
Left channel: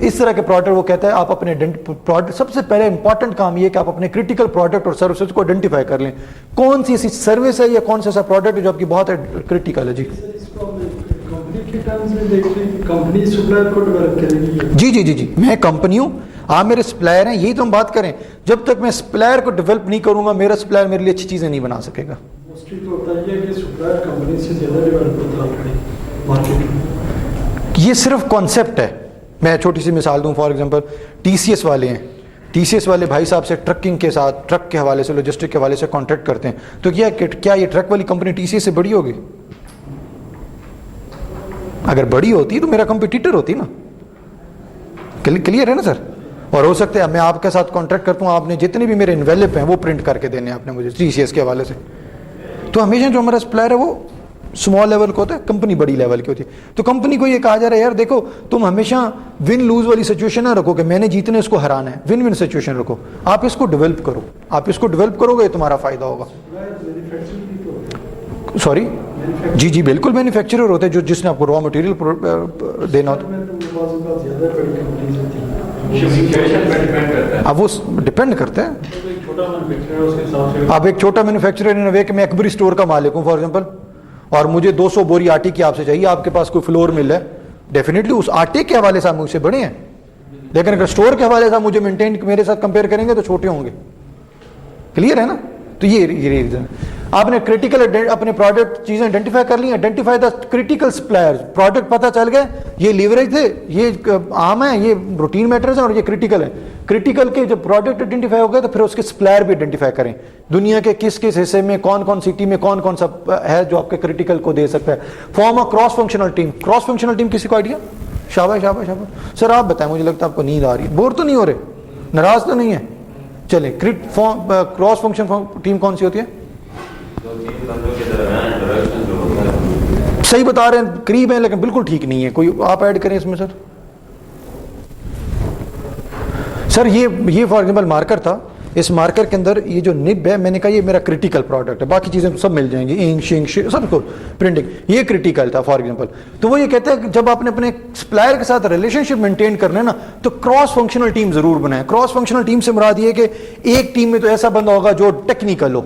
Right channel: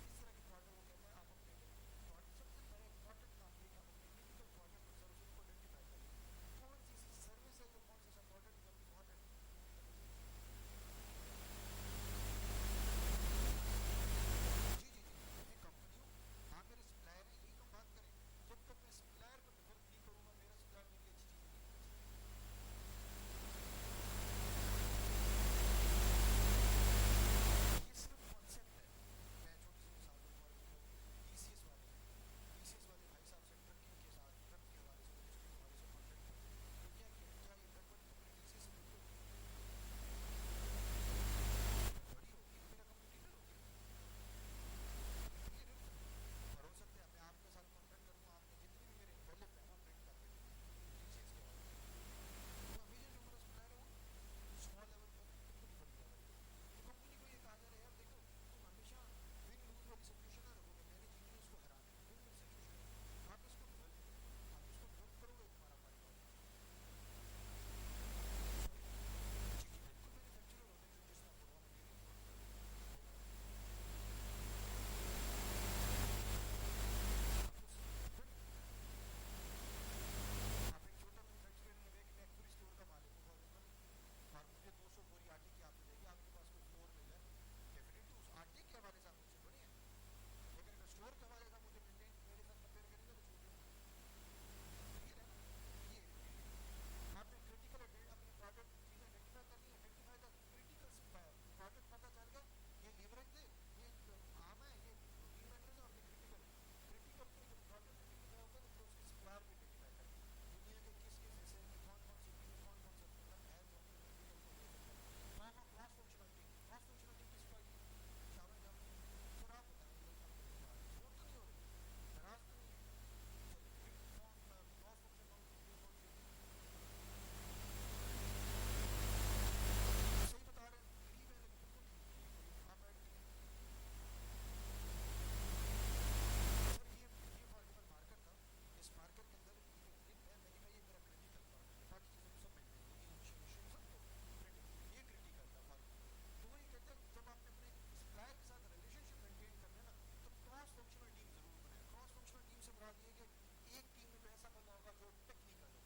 اس طرح کے پروڈکٹ وہ کہتا ہے آپ اپنے پروڈکٹ, سب سے پہلے امپورٹنٹ کام یہ کہ آپ اپنے کرٹیکل پروڈکٹ اور سروسز کو آئیڈینٹیفائی کر لیں. کون سی ایسی سروس ہے یا کون سا ایسا پروڈکٹ ہے جو آپ کی بہت کرٹیکل ہے. جی جی جی جی میں کمپنی ہوں, آپ میرے سپلائر ہیں, یہی تو ہم بات کریں. جب تک میں سپلائر کو ڈیولپ نہیں کروں گا, میرا سپلائر میرے لیے اچھی چیزیں نہیں بنا سکے گا. یہ صرف کانسیپٹ ہے. میں چھوٹی سی مثال دوں, for example T C S والے ہیں, ٹی سی ایس والے بھائی صاحب سے ٹرکنگ کے ساتھ, ٹرک کے حوالے سے, لوجسٹک کے حوالے سے کانٹریکٹ کرتے ہیں, تو کیا یہ ٹرک والی کمپنی ٹی سی ایس سے بڑی ہوگی؟ اگر بڑی ہوتی تو میرا کمپیٹیٹر ہوتی نا. کلیئر ہے نا سر؟ اور ہو سکتا ہے میں آپ کے ساتھ کانٹریکٹ کرتا ہوں, آپ نے جتنے بھی میرے انویلپ ہیں وہ پرنٹ کر کے دینے آپ نے مجھے ٹی سی ایس کے حوالے سے. تو ہمیشہ جو ہمارا سپلائر ہے وہ اسمال لیول کا ہوتا ہے, کمپنی بڑی لیول کی ہوتی ہے. تو کمپنی کو یہ کہا جا رہا ہے یار دیکھو تم ہمیشہ ون لوز والی سچویشن نہ رکھو کہ میں نے جیتنے اس کو ہرانا ہے, ون ون سچویشن رکھو. آپ اس کو ڈیولپ کرو, آپ اس کو ڈیولپ کرو گے تمہارا فائدہ ہوگا. سوری جی جی بالکل مینوفیکچرر ہوتے ہیں جو جس نے آپ کو را مٹیریل دینا ہوتا ہے. اب وہ ڈپینڈ کرتا ہے. اب ایک چھوٹا مینوفیکچرر کہ میں اکبری اسٹور کا مالک ہوں فار ایگزامپل, اور مجھے 200 بوری آٹے کی آپ سے چاہیے, آپ کے پاس کوئی فلور مل ہے, ڈیفینیٹلی اس آٹے کے حوالے سے مجھ سے بڑے ہیں, لیکن اگر اسٹور کے حوالے سے مجھے مینٹین میرے ساتھ کمپیئر کریں گے تو چھوٹے ہوں گے. کلیئر ہے نا؟ تو یہ ریزن. آپ نے کرٹیکل اپنے پروڈکٹ چیزیں آئیڈینٹیفائی کر لی, identify the critical supplier. Product پتہ چل گئے, یہ لیوریج تھے, یہ عام ہے, یہ روٹین میٹرز ہیں, اور یہ کرٹیکل ہے. کرٹیکل کے جب پروڈکٹ آئیڈینٹیفائی ہو گئے تو پھر اس کے سپلائر بھی آئیڈینٹیفائی کریں. دنیا کے کس کس حصے میں کون کون سٹی میں کون کون سا ہے جو آپ کے کرٹیکل کو دے سکتا ہے. Form a cross functional team. Cross functional team کسی کو آئیڈیا؟ شاباش شاباش شاباش. سر آپ بتائیں, مجھے لگتا ہے آپ کو نیند آ رہی ہے, بور تو نہیں ہو رہے, ناراض تو نہیں ہے؟ چلیں کراس فنکشن ٹیم کون سی ہوتی ہے؟ صحیح بتا رہے ہیں, قریب ہیں لیکن بالکل ٹھیک نہیں ہے. کوئی آپ ایڈ کریں اس میں سر. سر یہ فار ایگزامپل مارکر تھا, اس مارکر کے اندر یہ جو نب ہے, میں نے کہا یہ میرا کرٹیکل پروڈکٹ ہے, باقی چیزیں سب مل جائیں گی, انک شنک سب کو پرنٹنگ, یہ کرٹیکل تھا فار ایگزامپل. تو وہ یہ کہتا ہے کہ جب آپ نے اپنے سپلائر کے ساتھ ریلیشن شپ مینٹین کرنا ہے نا, تو کراس فنکشنل ٹیم ضرور بنائیں. کراس فنکشنل ٹیم سے مراد یہ کہ ایک ٹیم میں تو ایسا بندہ ہوگا جو ٹیکنیکل ہو,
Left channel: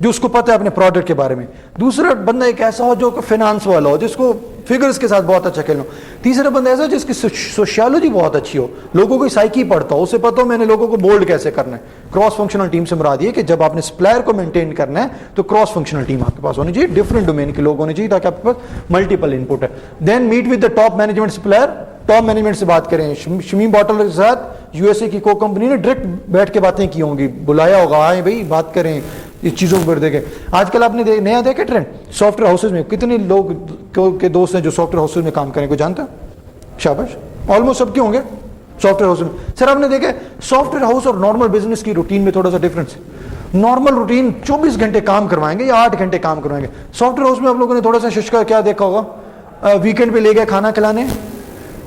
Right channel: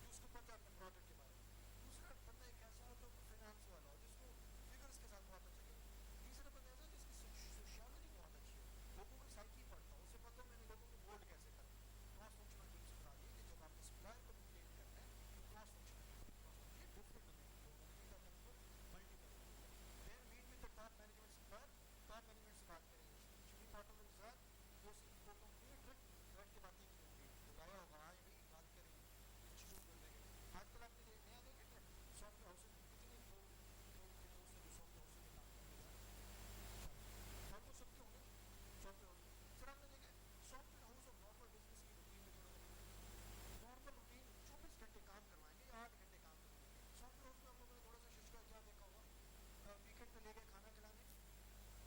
جو اس کو پتہ ہے اپنے پروڈکٹ کے بارے میں. دوسرا بندہ ایک ایسا ہو جو فائنانس والا ہو, جس کو فگرز کے ساتھ بہت اچھا کھیلنا ہو. تیسرا بندہ ایسا ہو جس کی سوشیالوجی بہت اچھی ہو, لوگوں کی سائیکی پڑھتا ہو, اسے پتہ ہو میں نے لوگوں کو بولڈ کیسے کرنا ہے. کراس فنکشنل ٹیم سے مراد یہ کہ جب آپ نے سپلائر کو مینٹین کرنا ہے تو کراس فنکشنل ٹیم آپ کے پاس ہونی چاہیے, ڈفرنٹ ڈومین کے لوگ ہونے چاہیے تاکہ آپ کے پاس ملٹیپل ان پٹ ہے. Then meet with the top management supplier. Top management سے بات کریں, شمیم باٹل کے ساتھ یو ایس اے کی کو کمپنی نے ڈائریکٹ بیٹھ کے باتیں کی ہوں گی, بلایا ہوگا, آئے بھائی بات کریں اس چیزوں کو دیکھیں. آج کل آپ نے نیا دیکھا ٹرینڈ, سافٹ ویئر ہاؤسز میں کتنے لوگ کے دوست ہیں جو سافٹ ویئر ہاؤسز میں کام کریں, کو جانتا ہے؟ شاباش, آلموسٹ سب کے ہوں گے سافٹ ویئر ہاؤس میں. سر آپ نے دیکھا سافٹ ویئر ہاؤس اور نارمل بزنس کی روٹین میں تھوڑا سا ڈفرنس ہے. نارمل روٹین 24 گھنٹے کام کروائیں گے یا 8 گھنٹے کام کروائیں گے. سافٹ ویئر ہاؤس میں آپ لوگوں نے تھوڑا سا ششکا کیا دیکھا ہوگا, ویکینڈ پہ لے گئے کھانا کھلانے,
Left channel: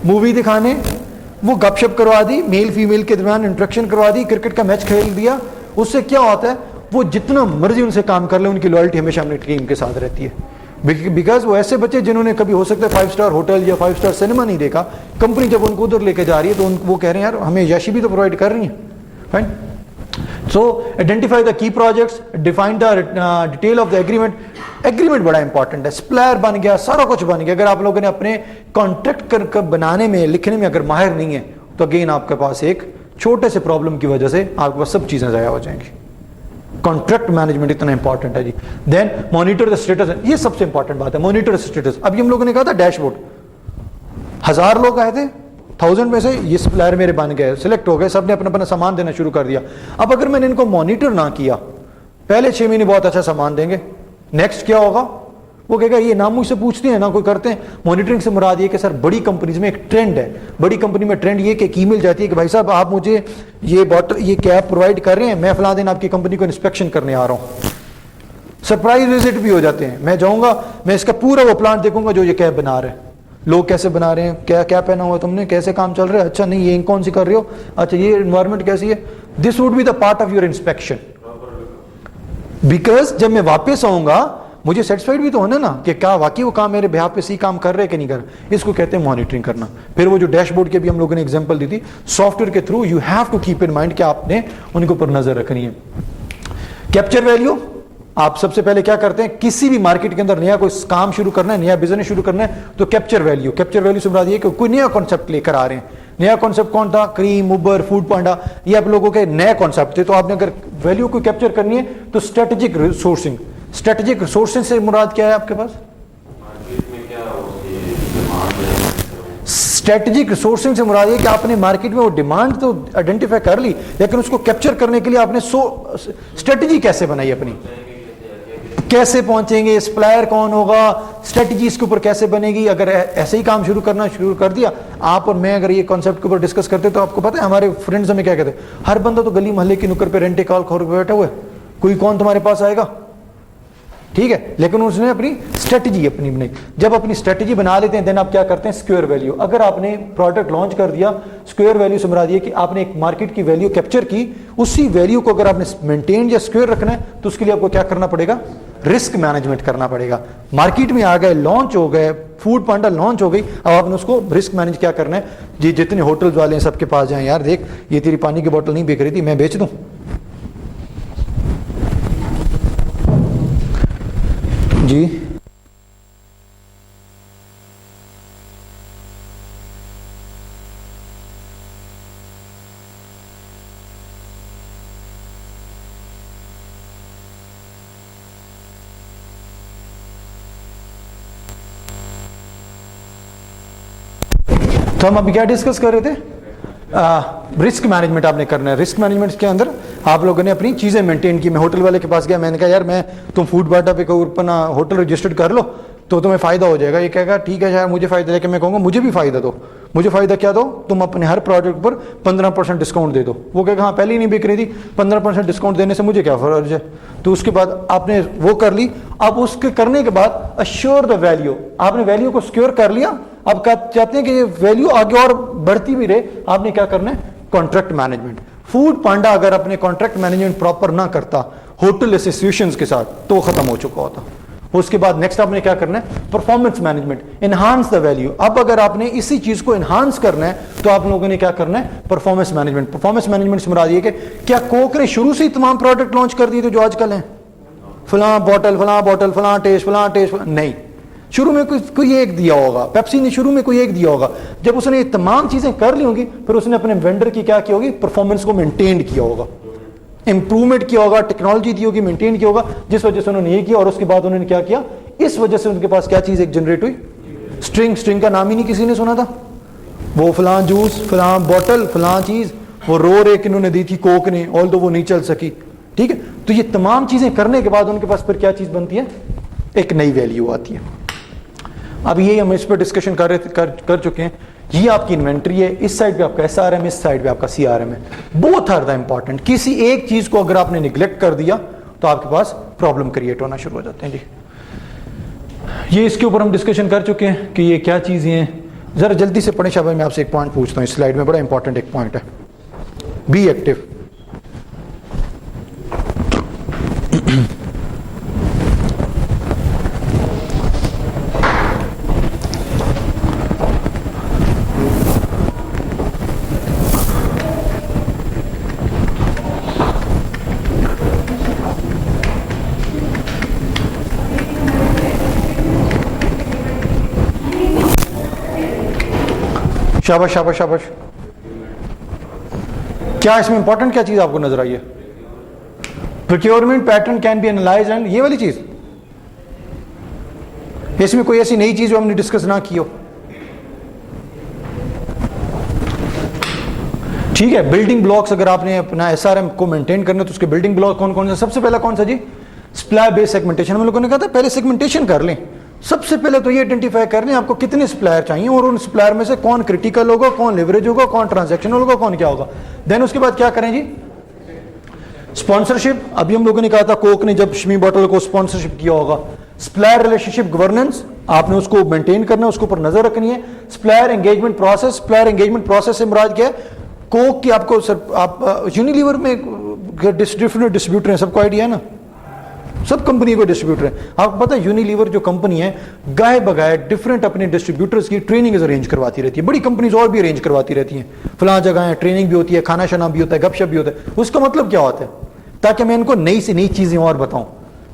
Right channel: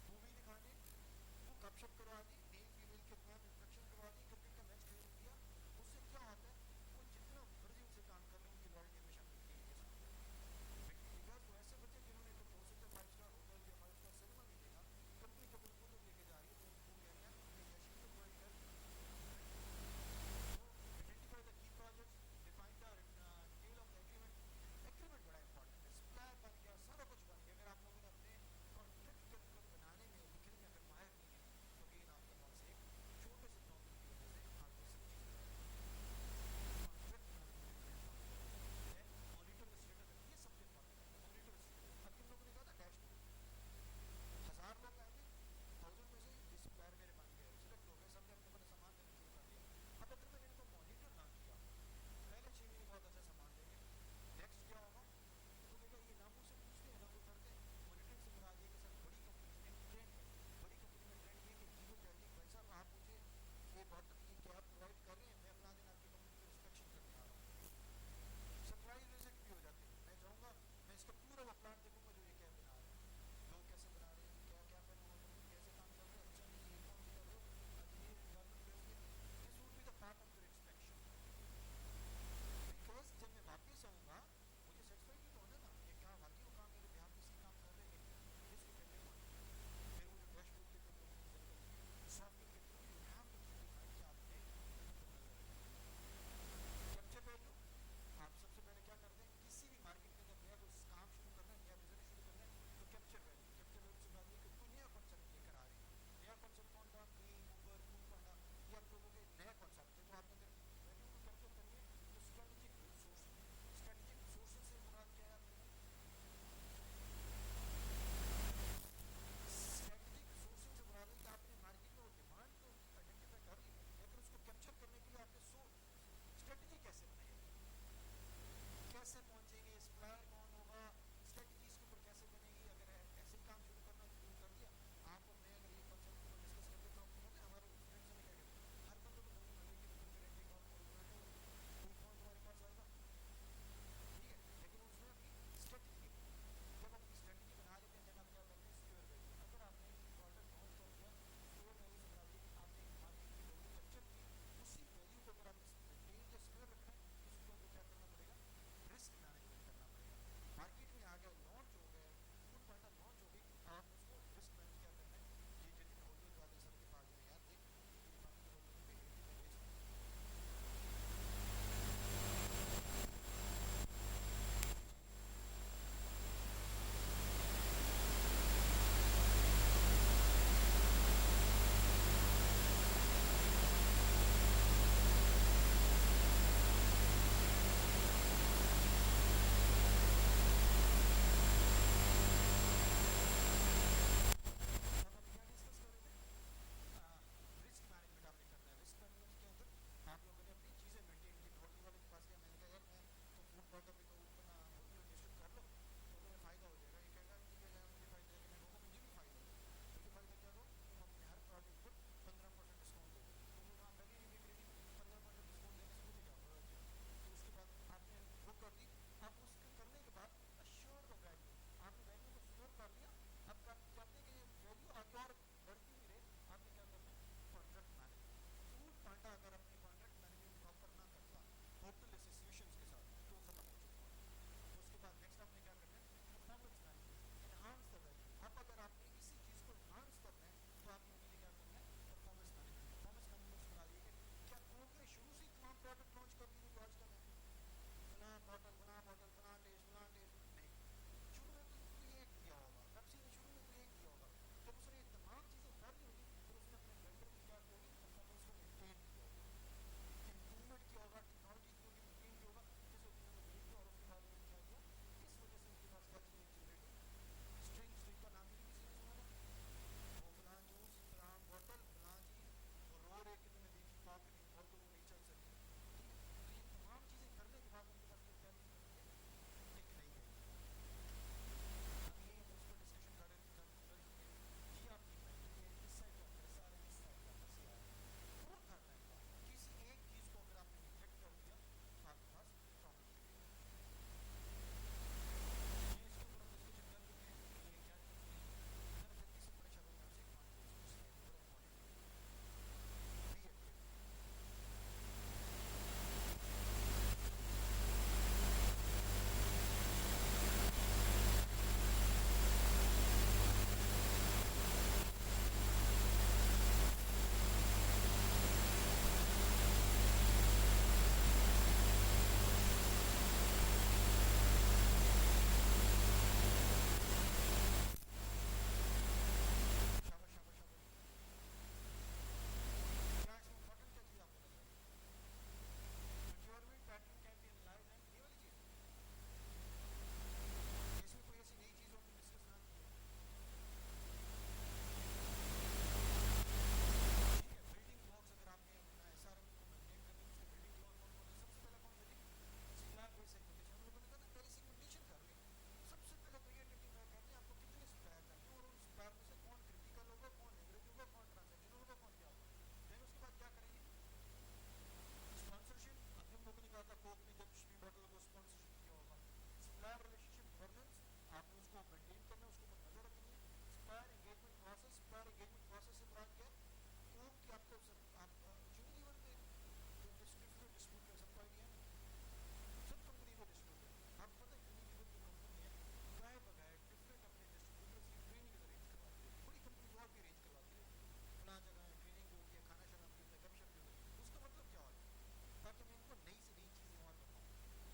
مووی دکھانے, وہ گپ شپ کروا دی, میل فیمیل کے درمیان انٹریکشن کروا دی, کرکٹ کا میچ کھیل دیا. اس سے کیا ہوتا ہے, وہ جتنا مرضی ان سے کام کر لیں ان کی لوئلٹی ہمیشہ اپنی ٹیم کے ساتھ رہتی ہے. بیکاز وہ ایسے بچے جنہوں نے کبھی ہو سکتا ہے 5 اسٹار ہوٹل یا 5 اسٹار سنیما نہیں دیکھا, کمپنی جب ان کو ادھر لے کے جا رہی ہے تو وہ کہہ رہے ہیں یار ہمیں یاشی بھی تو پرووائڈ کر رہی ہیں. فائن. سو آئیڈینٹیفائی دا کی projects, define the detail of the agreement. Agreement بڑا امپورٹنٹ ہے. سپلائر بن گیا, سارا کچھ بن گیا. اگر آپ لوگوں نے اپنے کانٹریکٹ کر بنانے میں, لکھنے میں اگر ماہر نہیں ہے تو اگین آپ کے پاس ایک چھوٹے سے پرابلم کی وجہ سے آپ کے پاس سب چیزیں ضائع ہو جائیں گی. کانٹریکٹ مینجمنٹ اتنا امپورٹنٹ ہے جی. دین مانیٹر دا اسٹیٹس, یہ سب سے امپورٹنٹ بات ہے, مانیٹر اسٹیٹس. ابھی ہم لوگوں نے کہا تھا ڈیش بورڈ, 1000 لوگ آئے تھے, 1000 میں سے یہ سپلائر میرے بن گئے, سلیکٹ ہو گئے, سب نے اپنا اپنا سامان دینا شروع کر دیا. اب اگر میں نے ان کو مانیٹر نہ کیا, پہلے 6 مہینے بہت اچھا سامان دیں گے, نیکسٹ کیا ہوگا, وہ کہے گا یہ نہ مجھ سے پوچھتے ہیں نہ کوئی کرتے ہیں. مانیٹرنگ سے مراد یہ کہ سر بڑی کمپنیز میں ایک ٹرینڈ ہے, بڑی کمپنی میں ٹرینڈ یہ کہ ایک ای میل جاتی ہے کہ بھائی صاحب آپ مجھے یہ بوٹل یہ کیپ پرووائڈ کر رہے ہیں, میں فلاں دن آپ کی کمپنی کو انسپیکشن کرنے آ رہا ہوں. سرپرائز وزٹ بھی ہو جاتے ہیں, میں جاؤں گا, میں اس کا پورا وہ پلانٹ دیکھوں گا جو یہ کیپ بنا رہے ہیں, لوگ کیسے بنا رہے ہیں, کیا پہنا ہوا تم نے, کیسے کام چل رہا ہے, اچھا نہیں یہ کون سی کر رہے ہو, اچھا یہ انوائرمنٹ کیسی ہے. This would be the part of your inspection. Because جب میں واپس آؤں گا مجھے سیٹسفائڈ بھی تو ہونا نا کہ کیا واقعی وہ کام میرے بہاف پہ صحیح کام کر رہے کہ نہیں کر رہے. اس کو کہتے ہیں مانیٹرنگ کرنا. پھر وہ جو ڈیش بورڈ کے بھی ہم لوگوں نے ایگزامپل دی تھی, سافٹ ویئر کے through you have to keep in mind کہ آپ نے ان کے اوپر نظر رکھنی ہے. کیپچر ویلیو, آپ سب سے پہلے کیا کرتے ہیں, کسی بھی مارکیٹ کے اندر نیا کوئی کام شروع کرنا ہے, نیا بزنس شروع کرنا ہے تو کیپچر ویلیو سے مراد یہ کہ کوئی نیا کانسیپٹ لے کر آ رہے ہیں. نیا کانسیپٹ کون تھا, کریم, اوبر, فوڈ پانڈا, یہ آپ لوگوں کے نئے کانسیپٹ تھے. تو آپ نے اگر ویلیو کو کیپچر کرنی ہے تو اسٹریٹجک ریسورسنگ. اسٹریٹجک ریسورسنگ سے مراد کیا ہے آپ کے پاس, اسٹریٹجک ریسورسنگ سے مراد یہ کہ آپ نے مارکیٹ میں وہ ڈیمانڈ تو آئیڈینٹیفائی کر لی, لیکن اس کو کیپچر کرنے کے لیے آپ نے اسٹریٹجی کیسے بنائی, اپنی کیسے پہنچیں گے, سپلائر کون ہوگا, اسٹریٹجی اس کے اوپر کیسے بنے گی. اگر ایسے ہی کام شروع کر دیا آپ اور میں, اگر یہ کانسیپٹ کے اوپر ڈسکس کرتے تو آپ کو پتا ہے ہمارے فرینڈز ہمیں کیا کہتے ہیں, ہر بندہ تو گلی محلے کی نکر پہ رینٹے کال کھول کے بیٹھا ہوا ہے, کوئی کون تمہارے پاس آئے گا, ٹھیک ہے. لیکن اس نے اپنی اسٹریٹجی اپنی بنائی. جب اپنی اسٹریٹجی بنا لیتے ہیں دین آپ کیا کرتے ہیں, اسکوئر ویلیو. اگر آپ نے پروڈکٹ لانچ کر دیا, اسکوئر ویلیو سے مراد یہ کہ آپ نے ایک مارکیٹ کی ویلیو کیپچر کی, اسی ویلیو کو اگر آپ نے مینٹین یا اسکوئر رکھنا ہے تو اس کے لیے آپ کو کیا کرنا پڑے گا, رسک مینجمنٹ کرنا پڑے گا. مارکیٹ میں آ گئے, لانچ ہو گئے, فوڈ پانڈا لانچ ہو گئی, اب آپ نے اس کو رسک مینج کیا کرنا ہے. جی جتنے ہوٹلز والے ہیں سب کے پاس جائیں, یار دیکھ یہ تیری پانی کی بوتل نہیں بک رہی تھی, میں بیچ دوں. جی تو ہم ابھی کیا ڈسکس کر رہے تھے, رسک مینجمنٹ آپ نے کرنا ہے. رسک مینجمنٹ کے اندر آپ لوگوں نے اپنی چیزیں مینٹین کی. میں ہوٹل والے کے پاس گیا, میں نے کہا یار میں تم فوڈ باٹا پہ اپنا ہوٹل رجسٹرڈ کر لو تو تمہیں فائدہ ہو جائے گا. یہ کہے گا ٹھیک ہے یار مجھے فائدہ, لیکن میں کہوں گا مجھے بھی فائدہ دو. مجھے فائدہ کیا دو, تم اپنے ہر پروڈکٹ پر 15% ڈسکاؤنٹ دے دو. وہ کہے گا ہاں پہلے ہی نہیں بک رہی تھی, 15% ڈسکاؤنٹ دینے سے مجھے کیا فرض ہے. تو اس کے بعد آپ نے وہ کر لی. اب اس کے کرنے کے بعد اشور دا ویلیو, آپ نے ویلیو کو سکیور کر لیا. اب چاہتے ہیں کہ یہ ویلیو آگے اور بڑھتی بھی رہے, آپ نے کیا کرنا ہے, کانٹریکٹ مینجمنٹ. فوڈ پانڈا اگر اپنے کانٹریکٹ مینجمنٹ پراپر نہ کرتا ہوٹل ایسوسیشنز کے ساتھ تو وہ ختم ہو چکا ہوتا. اس کے بعد نیکسٹ آپ نے کیا کرنا ہے, performance management, enhance the value. اب اگر آپ نے اسی چیز کو انہانس کرنا ہے تو آپ لوگوں نے کیا کرنا ہے, پرفارمنس مینجمنٹ. پرفارمنس مینجمنٹ سے مراد یہ کہ کیا کوک نے شروع سے ہی تمام پروڈکٹ لانچ کر دیے تھے جو آج کل ہیں, فلاں بوٹل فلاں ٹیسٹ, نہیں. شروع میں کوئی ایک دیا ہوگا, پیپسی نے شروع میں کوئی ایک دیا ہوگا. جب اس نے یہ تمام چیزیں کر لی ہوں گی پھر اس نے اپنے وینڈر کی کیا کی ہوگی, پرفارمنس کو مینٹین کیا ہوگا, امپروومنٹ کیا ہوگا, ٹیکنالوجی دی ہوگی, مینٹین کیا ہوگا, جس وجہ سے انہوں نے یہ کیا. اور اس کے بعد انہوں نے کیا کیا, اس وجہ سے ان کے پاس کیا چیز ایک جنریٹ ہوئی, اسٹرنگ کا نام ہی نہیں کسی نے سنا تھا. وہ فلاں جوس, فلاں بوٹل, فلاں چیز, وہ ایک انہوں نے دی تھی کوک نے, آلدو وہ نہیں چل سکی, ٹھیک ہے. تو یہ تمام چیزیں کرنے کے بعد ان کے پاس پھر کیا چیز بنتی ہے, ایک نئی ویلیو آتی ہے. اب یہ ہم اس پہ ڈسکشن کر چکے ہیں. یہ آپ کی انوینٹری ہے, اس سائڈ پہ آپ کا ایس آر ایم, اس سائڈ پہ آپ کا سی آر ایم ہے. Both are the important. کسی ایک چیز کو اگر آپ نے نگلیکٹ کر دیا تو آپ کے پاس پرابلم کریٹ ہونا شروع ہو جاتے ہیں. جی یہ اس کے اوپر ہم ڈسکشن کر چکے ہیں کہ یہ کیا چیزیں ہیں. ذرا جلدی سے پڑھیں. شاہ میں آپ سے ایک پوائنٹ پوچھتا ہوں, اس سلائڈ میں بڑا امپورٹنٹ ایک پوائنٹ ہے, بی ایکٹیو. شاباش شاباش شاباش. کیا اس میں امپورٹنٹ کیا چیز آپ کو نظر آئی ہے, procurement pattern can be analyse, and یہ والی چیز, اس میں کوئی ایسی نئی چیز جو ہم نے ڈسکس نہ کی ہو. ٹھیک ہے. بلڈنگ بلاکس, اگر آپ نے اپنا ایس آر ایم کو مینٹین کرنا تو اس کے بلڈنگ بلاک کون کون سے, سب سے پہلا کون سا جی, سپلائی بیس سیگمنٹیشن ہم لوگوں نے کہا تھا پہلے سیگمنٹیشن کر لیں. سب سے پہلے تو یہ آئیڈینٹیفائی کر لیں آپ کو کتنے سپلائر چاہیے اور ان سپلائر میں سے کون کریٹیکل ہوگا, کون لیوریج ہوگا, کون ٹرانزیکشنل ہوگا, کون کیا ہوگا. دین اس کے بعد کیا کریں جی, اسپانسرشپ. ابھی ہم لوگوں نے کہا تھا کوک نے جب شمی بوٹل کو اسپانسرشپ کیا ہوگا. سپلائر ریلیشن شپ گورننس آپ نے اس کو مینٹین کرنا ہے, اس کے اوپر نظر رکھنی ہے. Supplier engagement process, supplier engagement process سے مراد کیا ہے, کوک کی آپ کو آپ یونیلیور میں ڈسٹریبیوٹر ڈسٹریبیوٹر ہیں, سب کو آئیڈیا ہے نا, سب کمپنی کو ڈسٹریبیوٹر ہیں. آپ کو پتہ ہے یونیلیور جو کمپنی ہے گائے بگائے ڈفرینٹ اپنے ڈسٹریبیوٹرز کی ٹریننگ ارینج کرواتی رہتی ہے. بڑی کمپنیز اور بھی ارینج کرواتی رہتی ہیں, فلاں جگہ ہیں ٹریننگ بھی ہوتی ہے, کھانا شانا بھی ہوتا ہے, گپ شپ بھی ہوتا ہے. اس کا مطلب کیا ہوتا ہے, تاکہ میں ان کو نئی سے نئی چیزیں اور بتاؤں,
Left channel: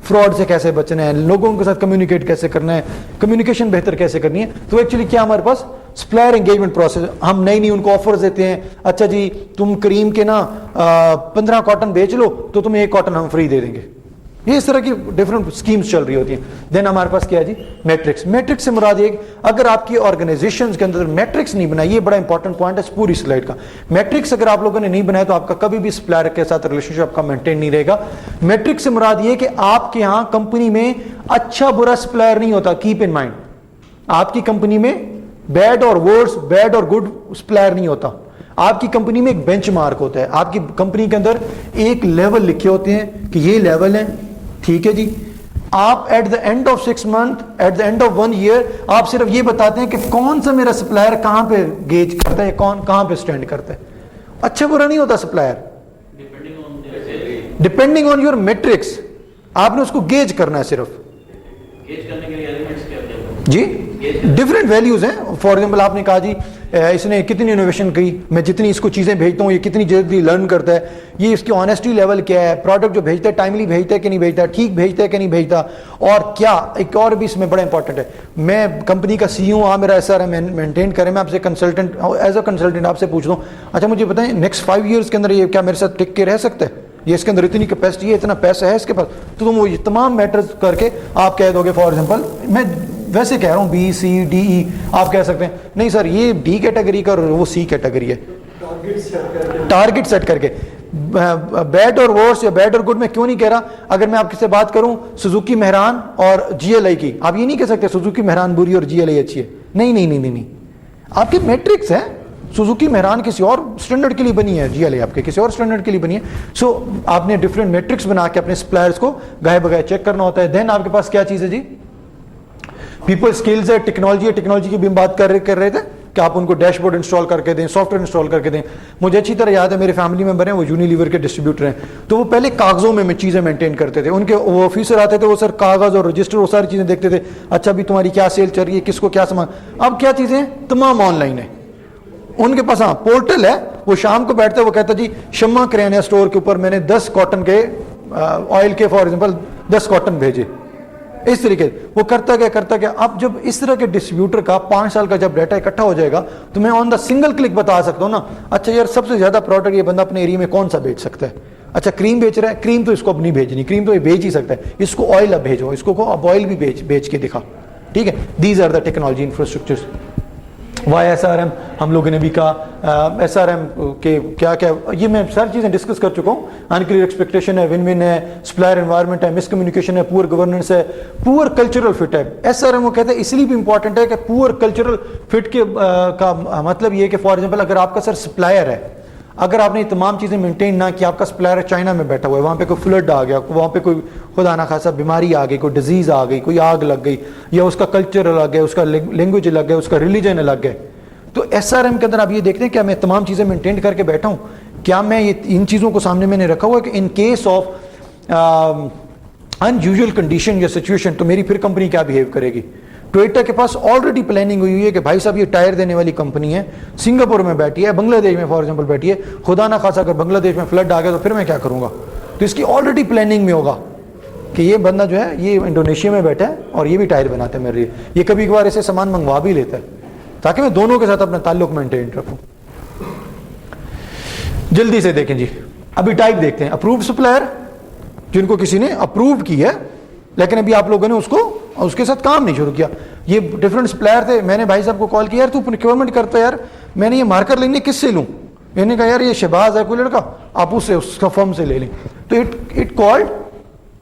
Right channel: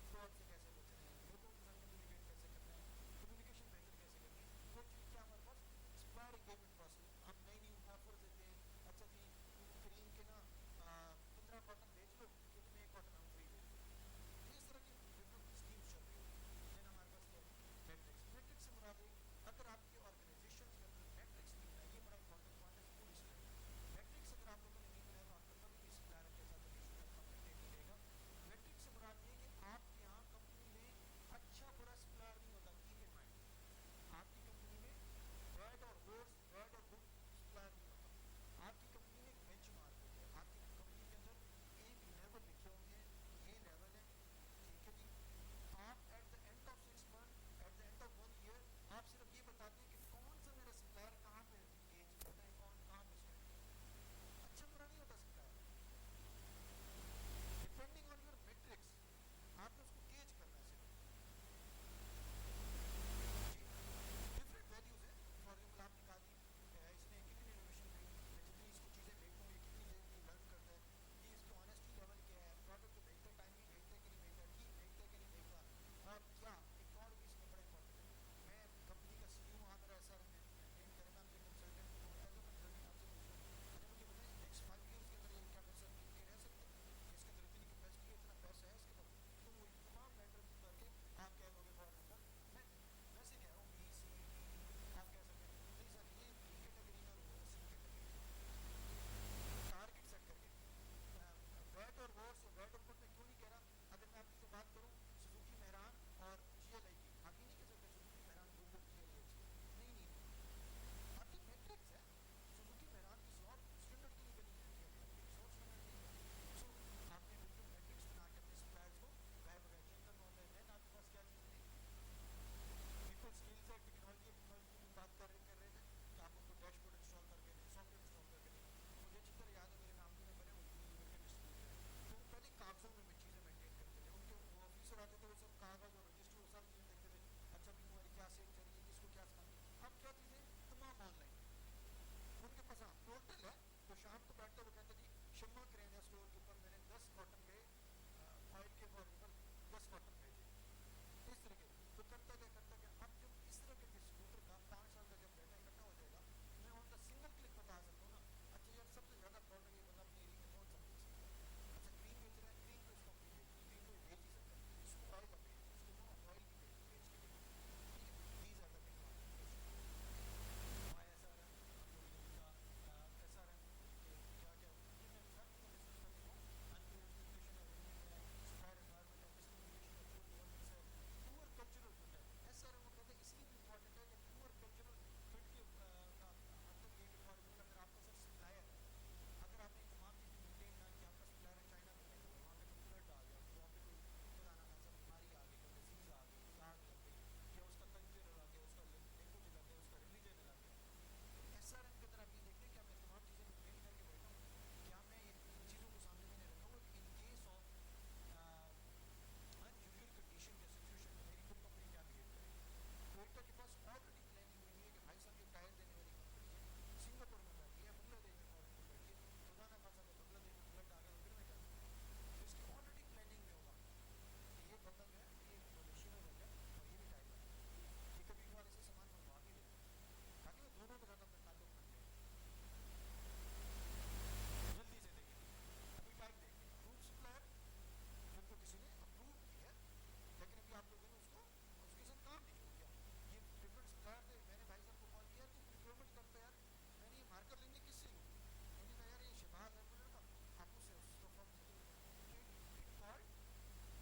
فراڈ سے کیسے بچنا ہے, لوگوں کے ساتھ کمیونیکیٹ کیسے کرنا ہے, کمیونیکیشن بہتر کیسے کرنی ہے. تو ایکچولی کیا ہمارے پاس سپلائر انگیجمنٹ پروسیس, ہم نئی ان کو آفرز دیتے ہیں. اچھا جی تم کریم کے نا 15 کاٹن بیچ لو تو تمہیں 1 کاٹن ہم فری دے دیں گے. یہ اس طرح کی ڈفرنٹ اسکیمز چل رہی ہوتی ہیں. دین ہمارے پاس کیا ہے جی میٹرکس. میٹرکس سے مراد یہ اگر آپ کی آرگنائزیشنز کے اندر میٹرکس نہیں بنائی, یہ بڑا انپورٹنٹ پوائنٹ ہے اس پوری سلائڈ کا. میٹرکس اگر آپ لوگوں نے نہیں بنایا تو آپ کا کبھی بھی سپلائر کے ساتھ ریلیشن شپ آپ کا مینٹین نہیں رہے گا. میٹرکس سے مراد یہ کہ آپ کے ہاں کمپنی میں اچھا برا سپلائر نہیں ہوتا. کیپ ان مائنڈ, آپ کی کمپنی میں بیڈ اور ورس, بیڈ اور گڈ سپلائر نہیں ہوتا. آپ کی کمپنی میں ایک بینچ مارک ہوتا ہے. آپ کی کمپنی کے اندر ایک لیول لکھے ہوتے ہیں کہ یہ لیول ہے, ٹھیک ہے جی. آپ at the end of 6 months, at the end of 1 year آپ صرف یہ بتاتے ہیں کہ کون سا میرا سپلائر کہاں پہ گیج کرتا ہے, کون کہاں پہ سٹینڈ کرتا ہے. اچھا برا نہیں ہوتا supplier, depending on your matrix. آپ نے اس کو گیج کرنا ہے صرف. گیج کرنے کے لیے ایلیمنٹس کیا جی ڈفرینٹ ویلیوز ہیں. فار ایگزامپل آپ نے کہا جی اس نے کتنی انوویشن کی, میں جتنی اس کو چیزیں بھیجتا ہوں یہ کتنی جلدی لرن کرتا ہے, یہ اس کی آنیسٹی لیول کیا ہے, پروڈکٹ جو بھیجتا ہے ٹائملی بھیجتا ہے کہ نہیں بھیجتا, ٹھیک بھیجتا ہے کہ نہیں بھیجتا. اور کیا ایک اور بھی اس میں بڑا امپورٹنٹ ہے, میں کمپنی کا سی ہوں, میرا ایس آر ایم مینٹین کریں, میں آپ سے کنسلٹنٹ ایز اے کنسلٹنٹ آپ سے پوچھ لوں اچھا مجھے بتائیں نیکسٹ 5 years کے اندر یہ کیا میرے ساتھ ٹک کے رہ سکتا ہے, یہ اس کے اندر اتنی کیپیسٹی ہے, اتنا پیسہ ہے اس کے پاس. تو تم وہ تمام میٹرز کر کے آپ کہہ دو گے, فار ایگزامپل میں ویسے کہہ رہا ہوں بی سی ڈی ای, آپ کہہ سکتے ہیں نہیں سر یہ ڈی کیٹیگری کا اور وہ سی کیٹیگری ہے. ٹارگٹ سیٹ کر کے بیڈ اور ورس یا بیڈ اور گڈ میں کیوں نہیں کہہ رہا. اگر میں آپ سے بات کروں سوزوکی مہران اور جی ایل آئی کی, آپ یہ نہیں کہہ سکتے سوزوکی مہران بری اور جی ایل آئی اچھی ہے. نہیں نہیں نہیں نہیں, آپ کی میٹرکس ہے. سوزوکی مہران کسی اور سٹینڈرڈ کے لیے بنی ہے, جی ایل آئی آپ کے کسی اور سٹینڈرڈ کے لیے بنی ہے. سو آپ نے ڈفرینٹ میٹرکس بنا کے اپنے سپلائرز کو گائے بگائے چیک کرنا ہوتا ہے. دین آپ کے پاس کیا چیز ہے جی, پیپل اسکلز ہے, ٹیکنالوجی ہے. ٹیکنالوجی کی بھی ہم بات کر رہے تھے کہ آپ ان کو ڈیش بورڈ انسٹال کر کے دیں, سافٹ ویئر انسٹال کر کے دیں. مجھے اچھی طرح یاد ہے میرے فیملی ممبر ہیں وہ یونیلیور کے ڈسٹریبیوٹر ہیں, تو وہ پہلے کاغذوں میں چیزیں مینٹین کرتے تھے. ان کے وہ آفیسر آتے تھے, وہ سر کاغذ اور رجسٹر وہ ساری چیزیں دیکھتے تھے. اچھا بھی تمہاری کیا سیل چل رہی ہے, کس کو کیا سامان. اب کیا چیزیں تمام آن لائن ہے. ان کے پاس ہاں پورٹل ہے, وہ شام کو بیٹھتا ہے, وہ کہتا جی شمع کریانہ اسٹور کے اوپر میں نے 10 کاٹن کے آئل کے فار ایگزامپل 10 کاٹن بھیجے. اس طریقے وہ کرتا گیا. اب جب اس طرح کے ڈسٹریبیوٹر کا 5 سال کا جب ڈیٹا اکٹھا ہو جائے گا تو میں آن دا سنگل کلک بتا سکتا ہوں نا, اچھا یار سب سے زیادہ پروڈکٹ یہ بندہ اپنے ایریا میں کون سا بیچ سکتا ہے. اچھا کریم بیچ رہا ہے, کریم تو اس کو اب نہیں بھیجنی, کریم تو یہ بیچ ہی سکتا ہے, اس کو آئل اب بھیجو, اس کو اب آئل بھی بیچ کے دکھا. ٹھیک ہے, these are the technology infrastructures. Why S R M ہم لوگوں نے بھی کہا, ایس آر ایم کے کیا کیا, یہ میں ساری چیزیں ڈسکس کر چکا ہوں. انکلیئر ایکسپیکٹیشن ہے, ون ون ہے, سپلائر انوائرمنٹ ہے, مس کمیونیکیشن ہے, پور گورننس ہے, پور کلچرل فٹ ہے. ایس آر ایم وہ کہتے ہیں اس لیے بھی امپورٹنٹ ہے کہ پور کلچرل فٹ کے کا مطلب یہ کہ فار ایگزامپل اگر آپ کا سر سپلائر ہے, اگر آپ نے یہ تمام چیزیں مینٹین نہ کی, آپ کا سپلائر چائنا میں بیٹھا ہوا ہے, وہاں پہ کوئی فلڈ آ گیا, وہاں پہ کوئی خدا نہ خاصا بیماری آ گئی, کوئی ڈیزیز آ گئی, کوئی آگ لگ گئی, یا اس کا کلچر الگ ہے, اس کا لینگویج الگ ہے, اس کا ریلیجن الگ ہے, تو ایس آر ایم کے اندر آپ یہ دیکھتے ہیں کیا میں تمام چیزیں مینٹین کر کے بیٹھا ہوں, کیا میں یہ ان چیزوں کو سامنے میں نے رکھا ہوا ہے کہ in case of in usual condition یا سچویشن تو میری پھر کمپنی کیا بیہیو کرے گی. ٹویوٹا کے پاس آلریڈی پلاننگ ہوئی ہے کہ بھائی صاحب یہ ٹائر دینے والی کمپنی ہے, سنگاپور میں بیٹھی ہے, بنگلہ دیش میں فار ایگزامپل بیٹھی ہے, خدا نہ خاصا اگر بنگلہ دیش میں فلڈ آ گیا تو پھر میں کیا کروں گا. تو اس کی آلریڈی پلاننگ میں ہوگا کہ یہ بندہ جو ہے یہ انڈونیشیا میں بیٹھا ہے اور یہ بھی ٹائر بناتا ہے میرے لیے, یہ کبھی کبھار ایسے سامان منگوا بھی لیتا ہے تاکہ میں دونوں کے ساتھ اپنا تعلق مینٹین رکھوں. جلدی سے دیکھیں جی, ابھی ٹائپ دیکھتے ہیں. اپرووڈ سپلائر جن کو کسی نے اپروو کی ہے لیکن ابھی آپ لوگوں نے اس کے ساتھ کام نہیں شروع کیا. یہ ڈفرینٹ سپلائر تھے, میں نے بھائی صاحب کو کال کیا, یار تو پروکیورمنٹ کرتا ہے یار, میں نے یہ مارکر لینے کس سے لوں, میں نے کہا یار یہ شہباز ہے کوئی لڑکا, آپ اس کا فرم سے لے لیں. تو اٹ کالڈ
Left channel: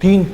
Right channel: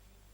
3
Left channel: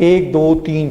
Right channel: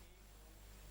1 2 3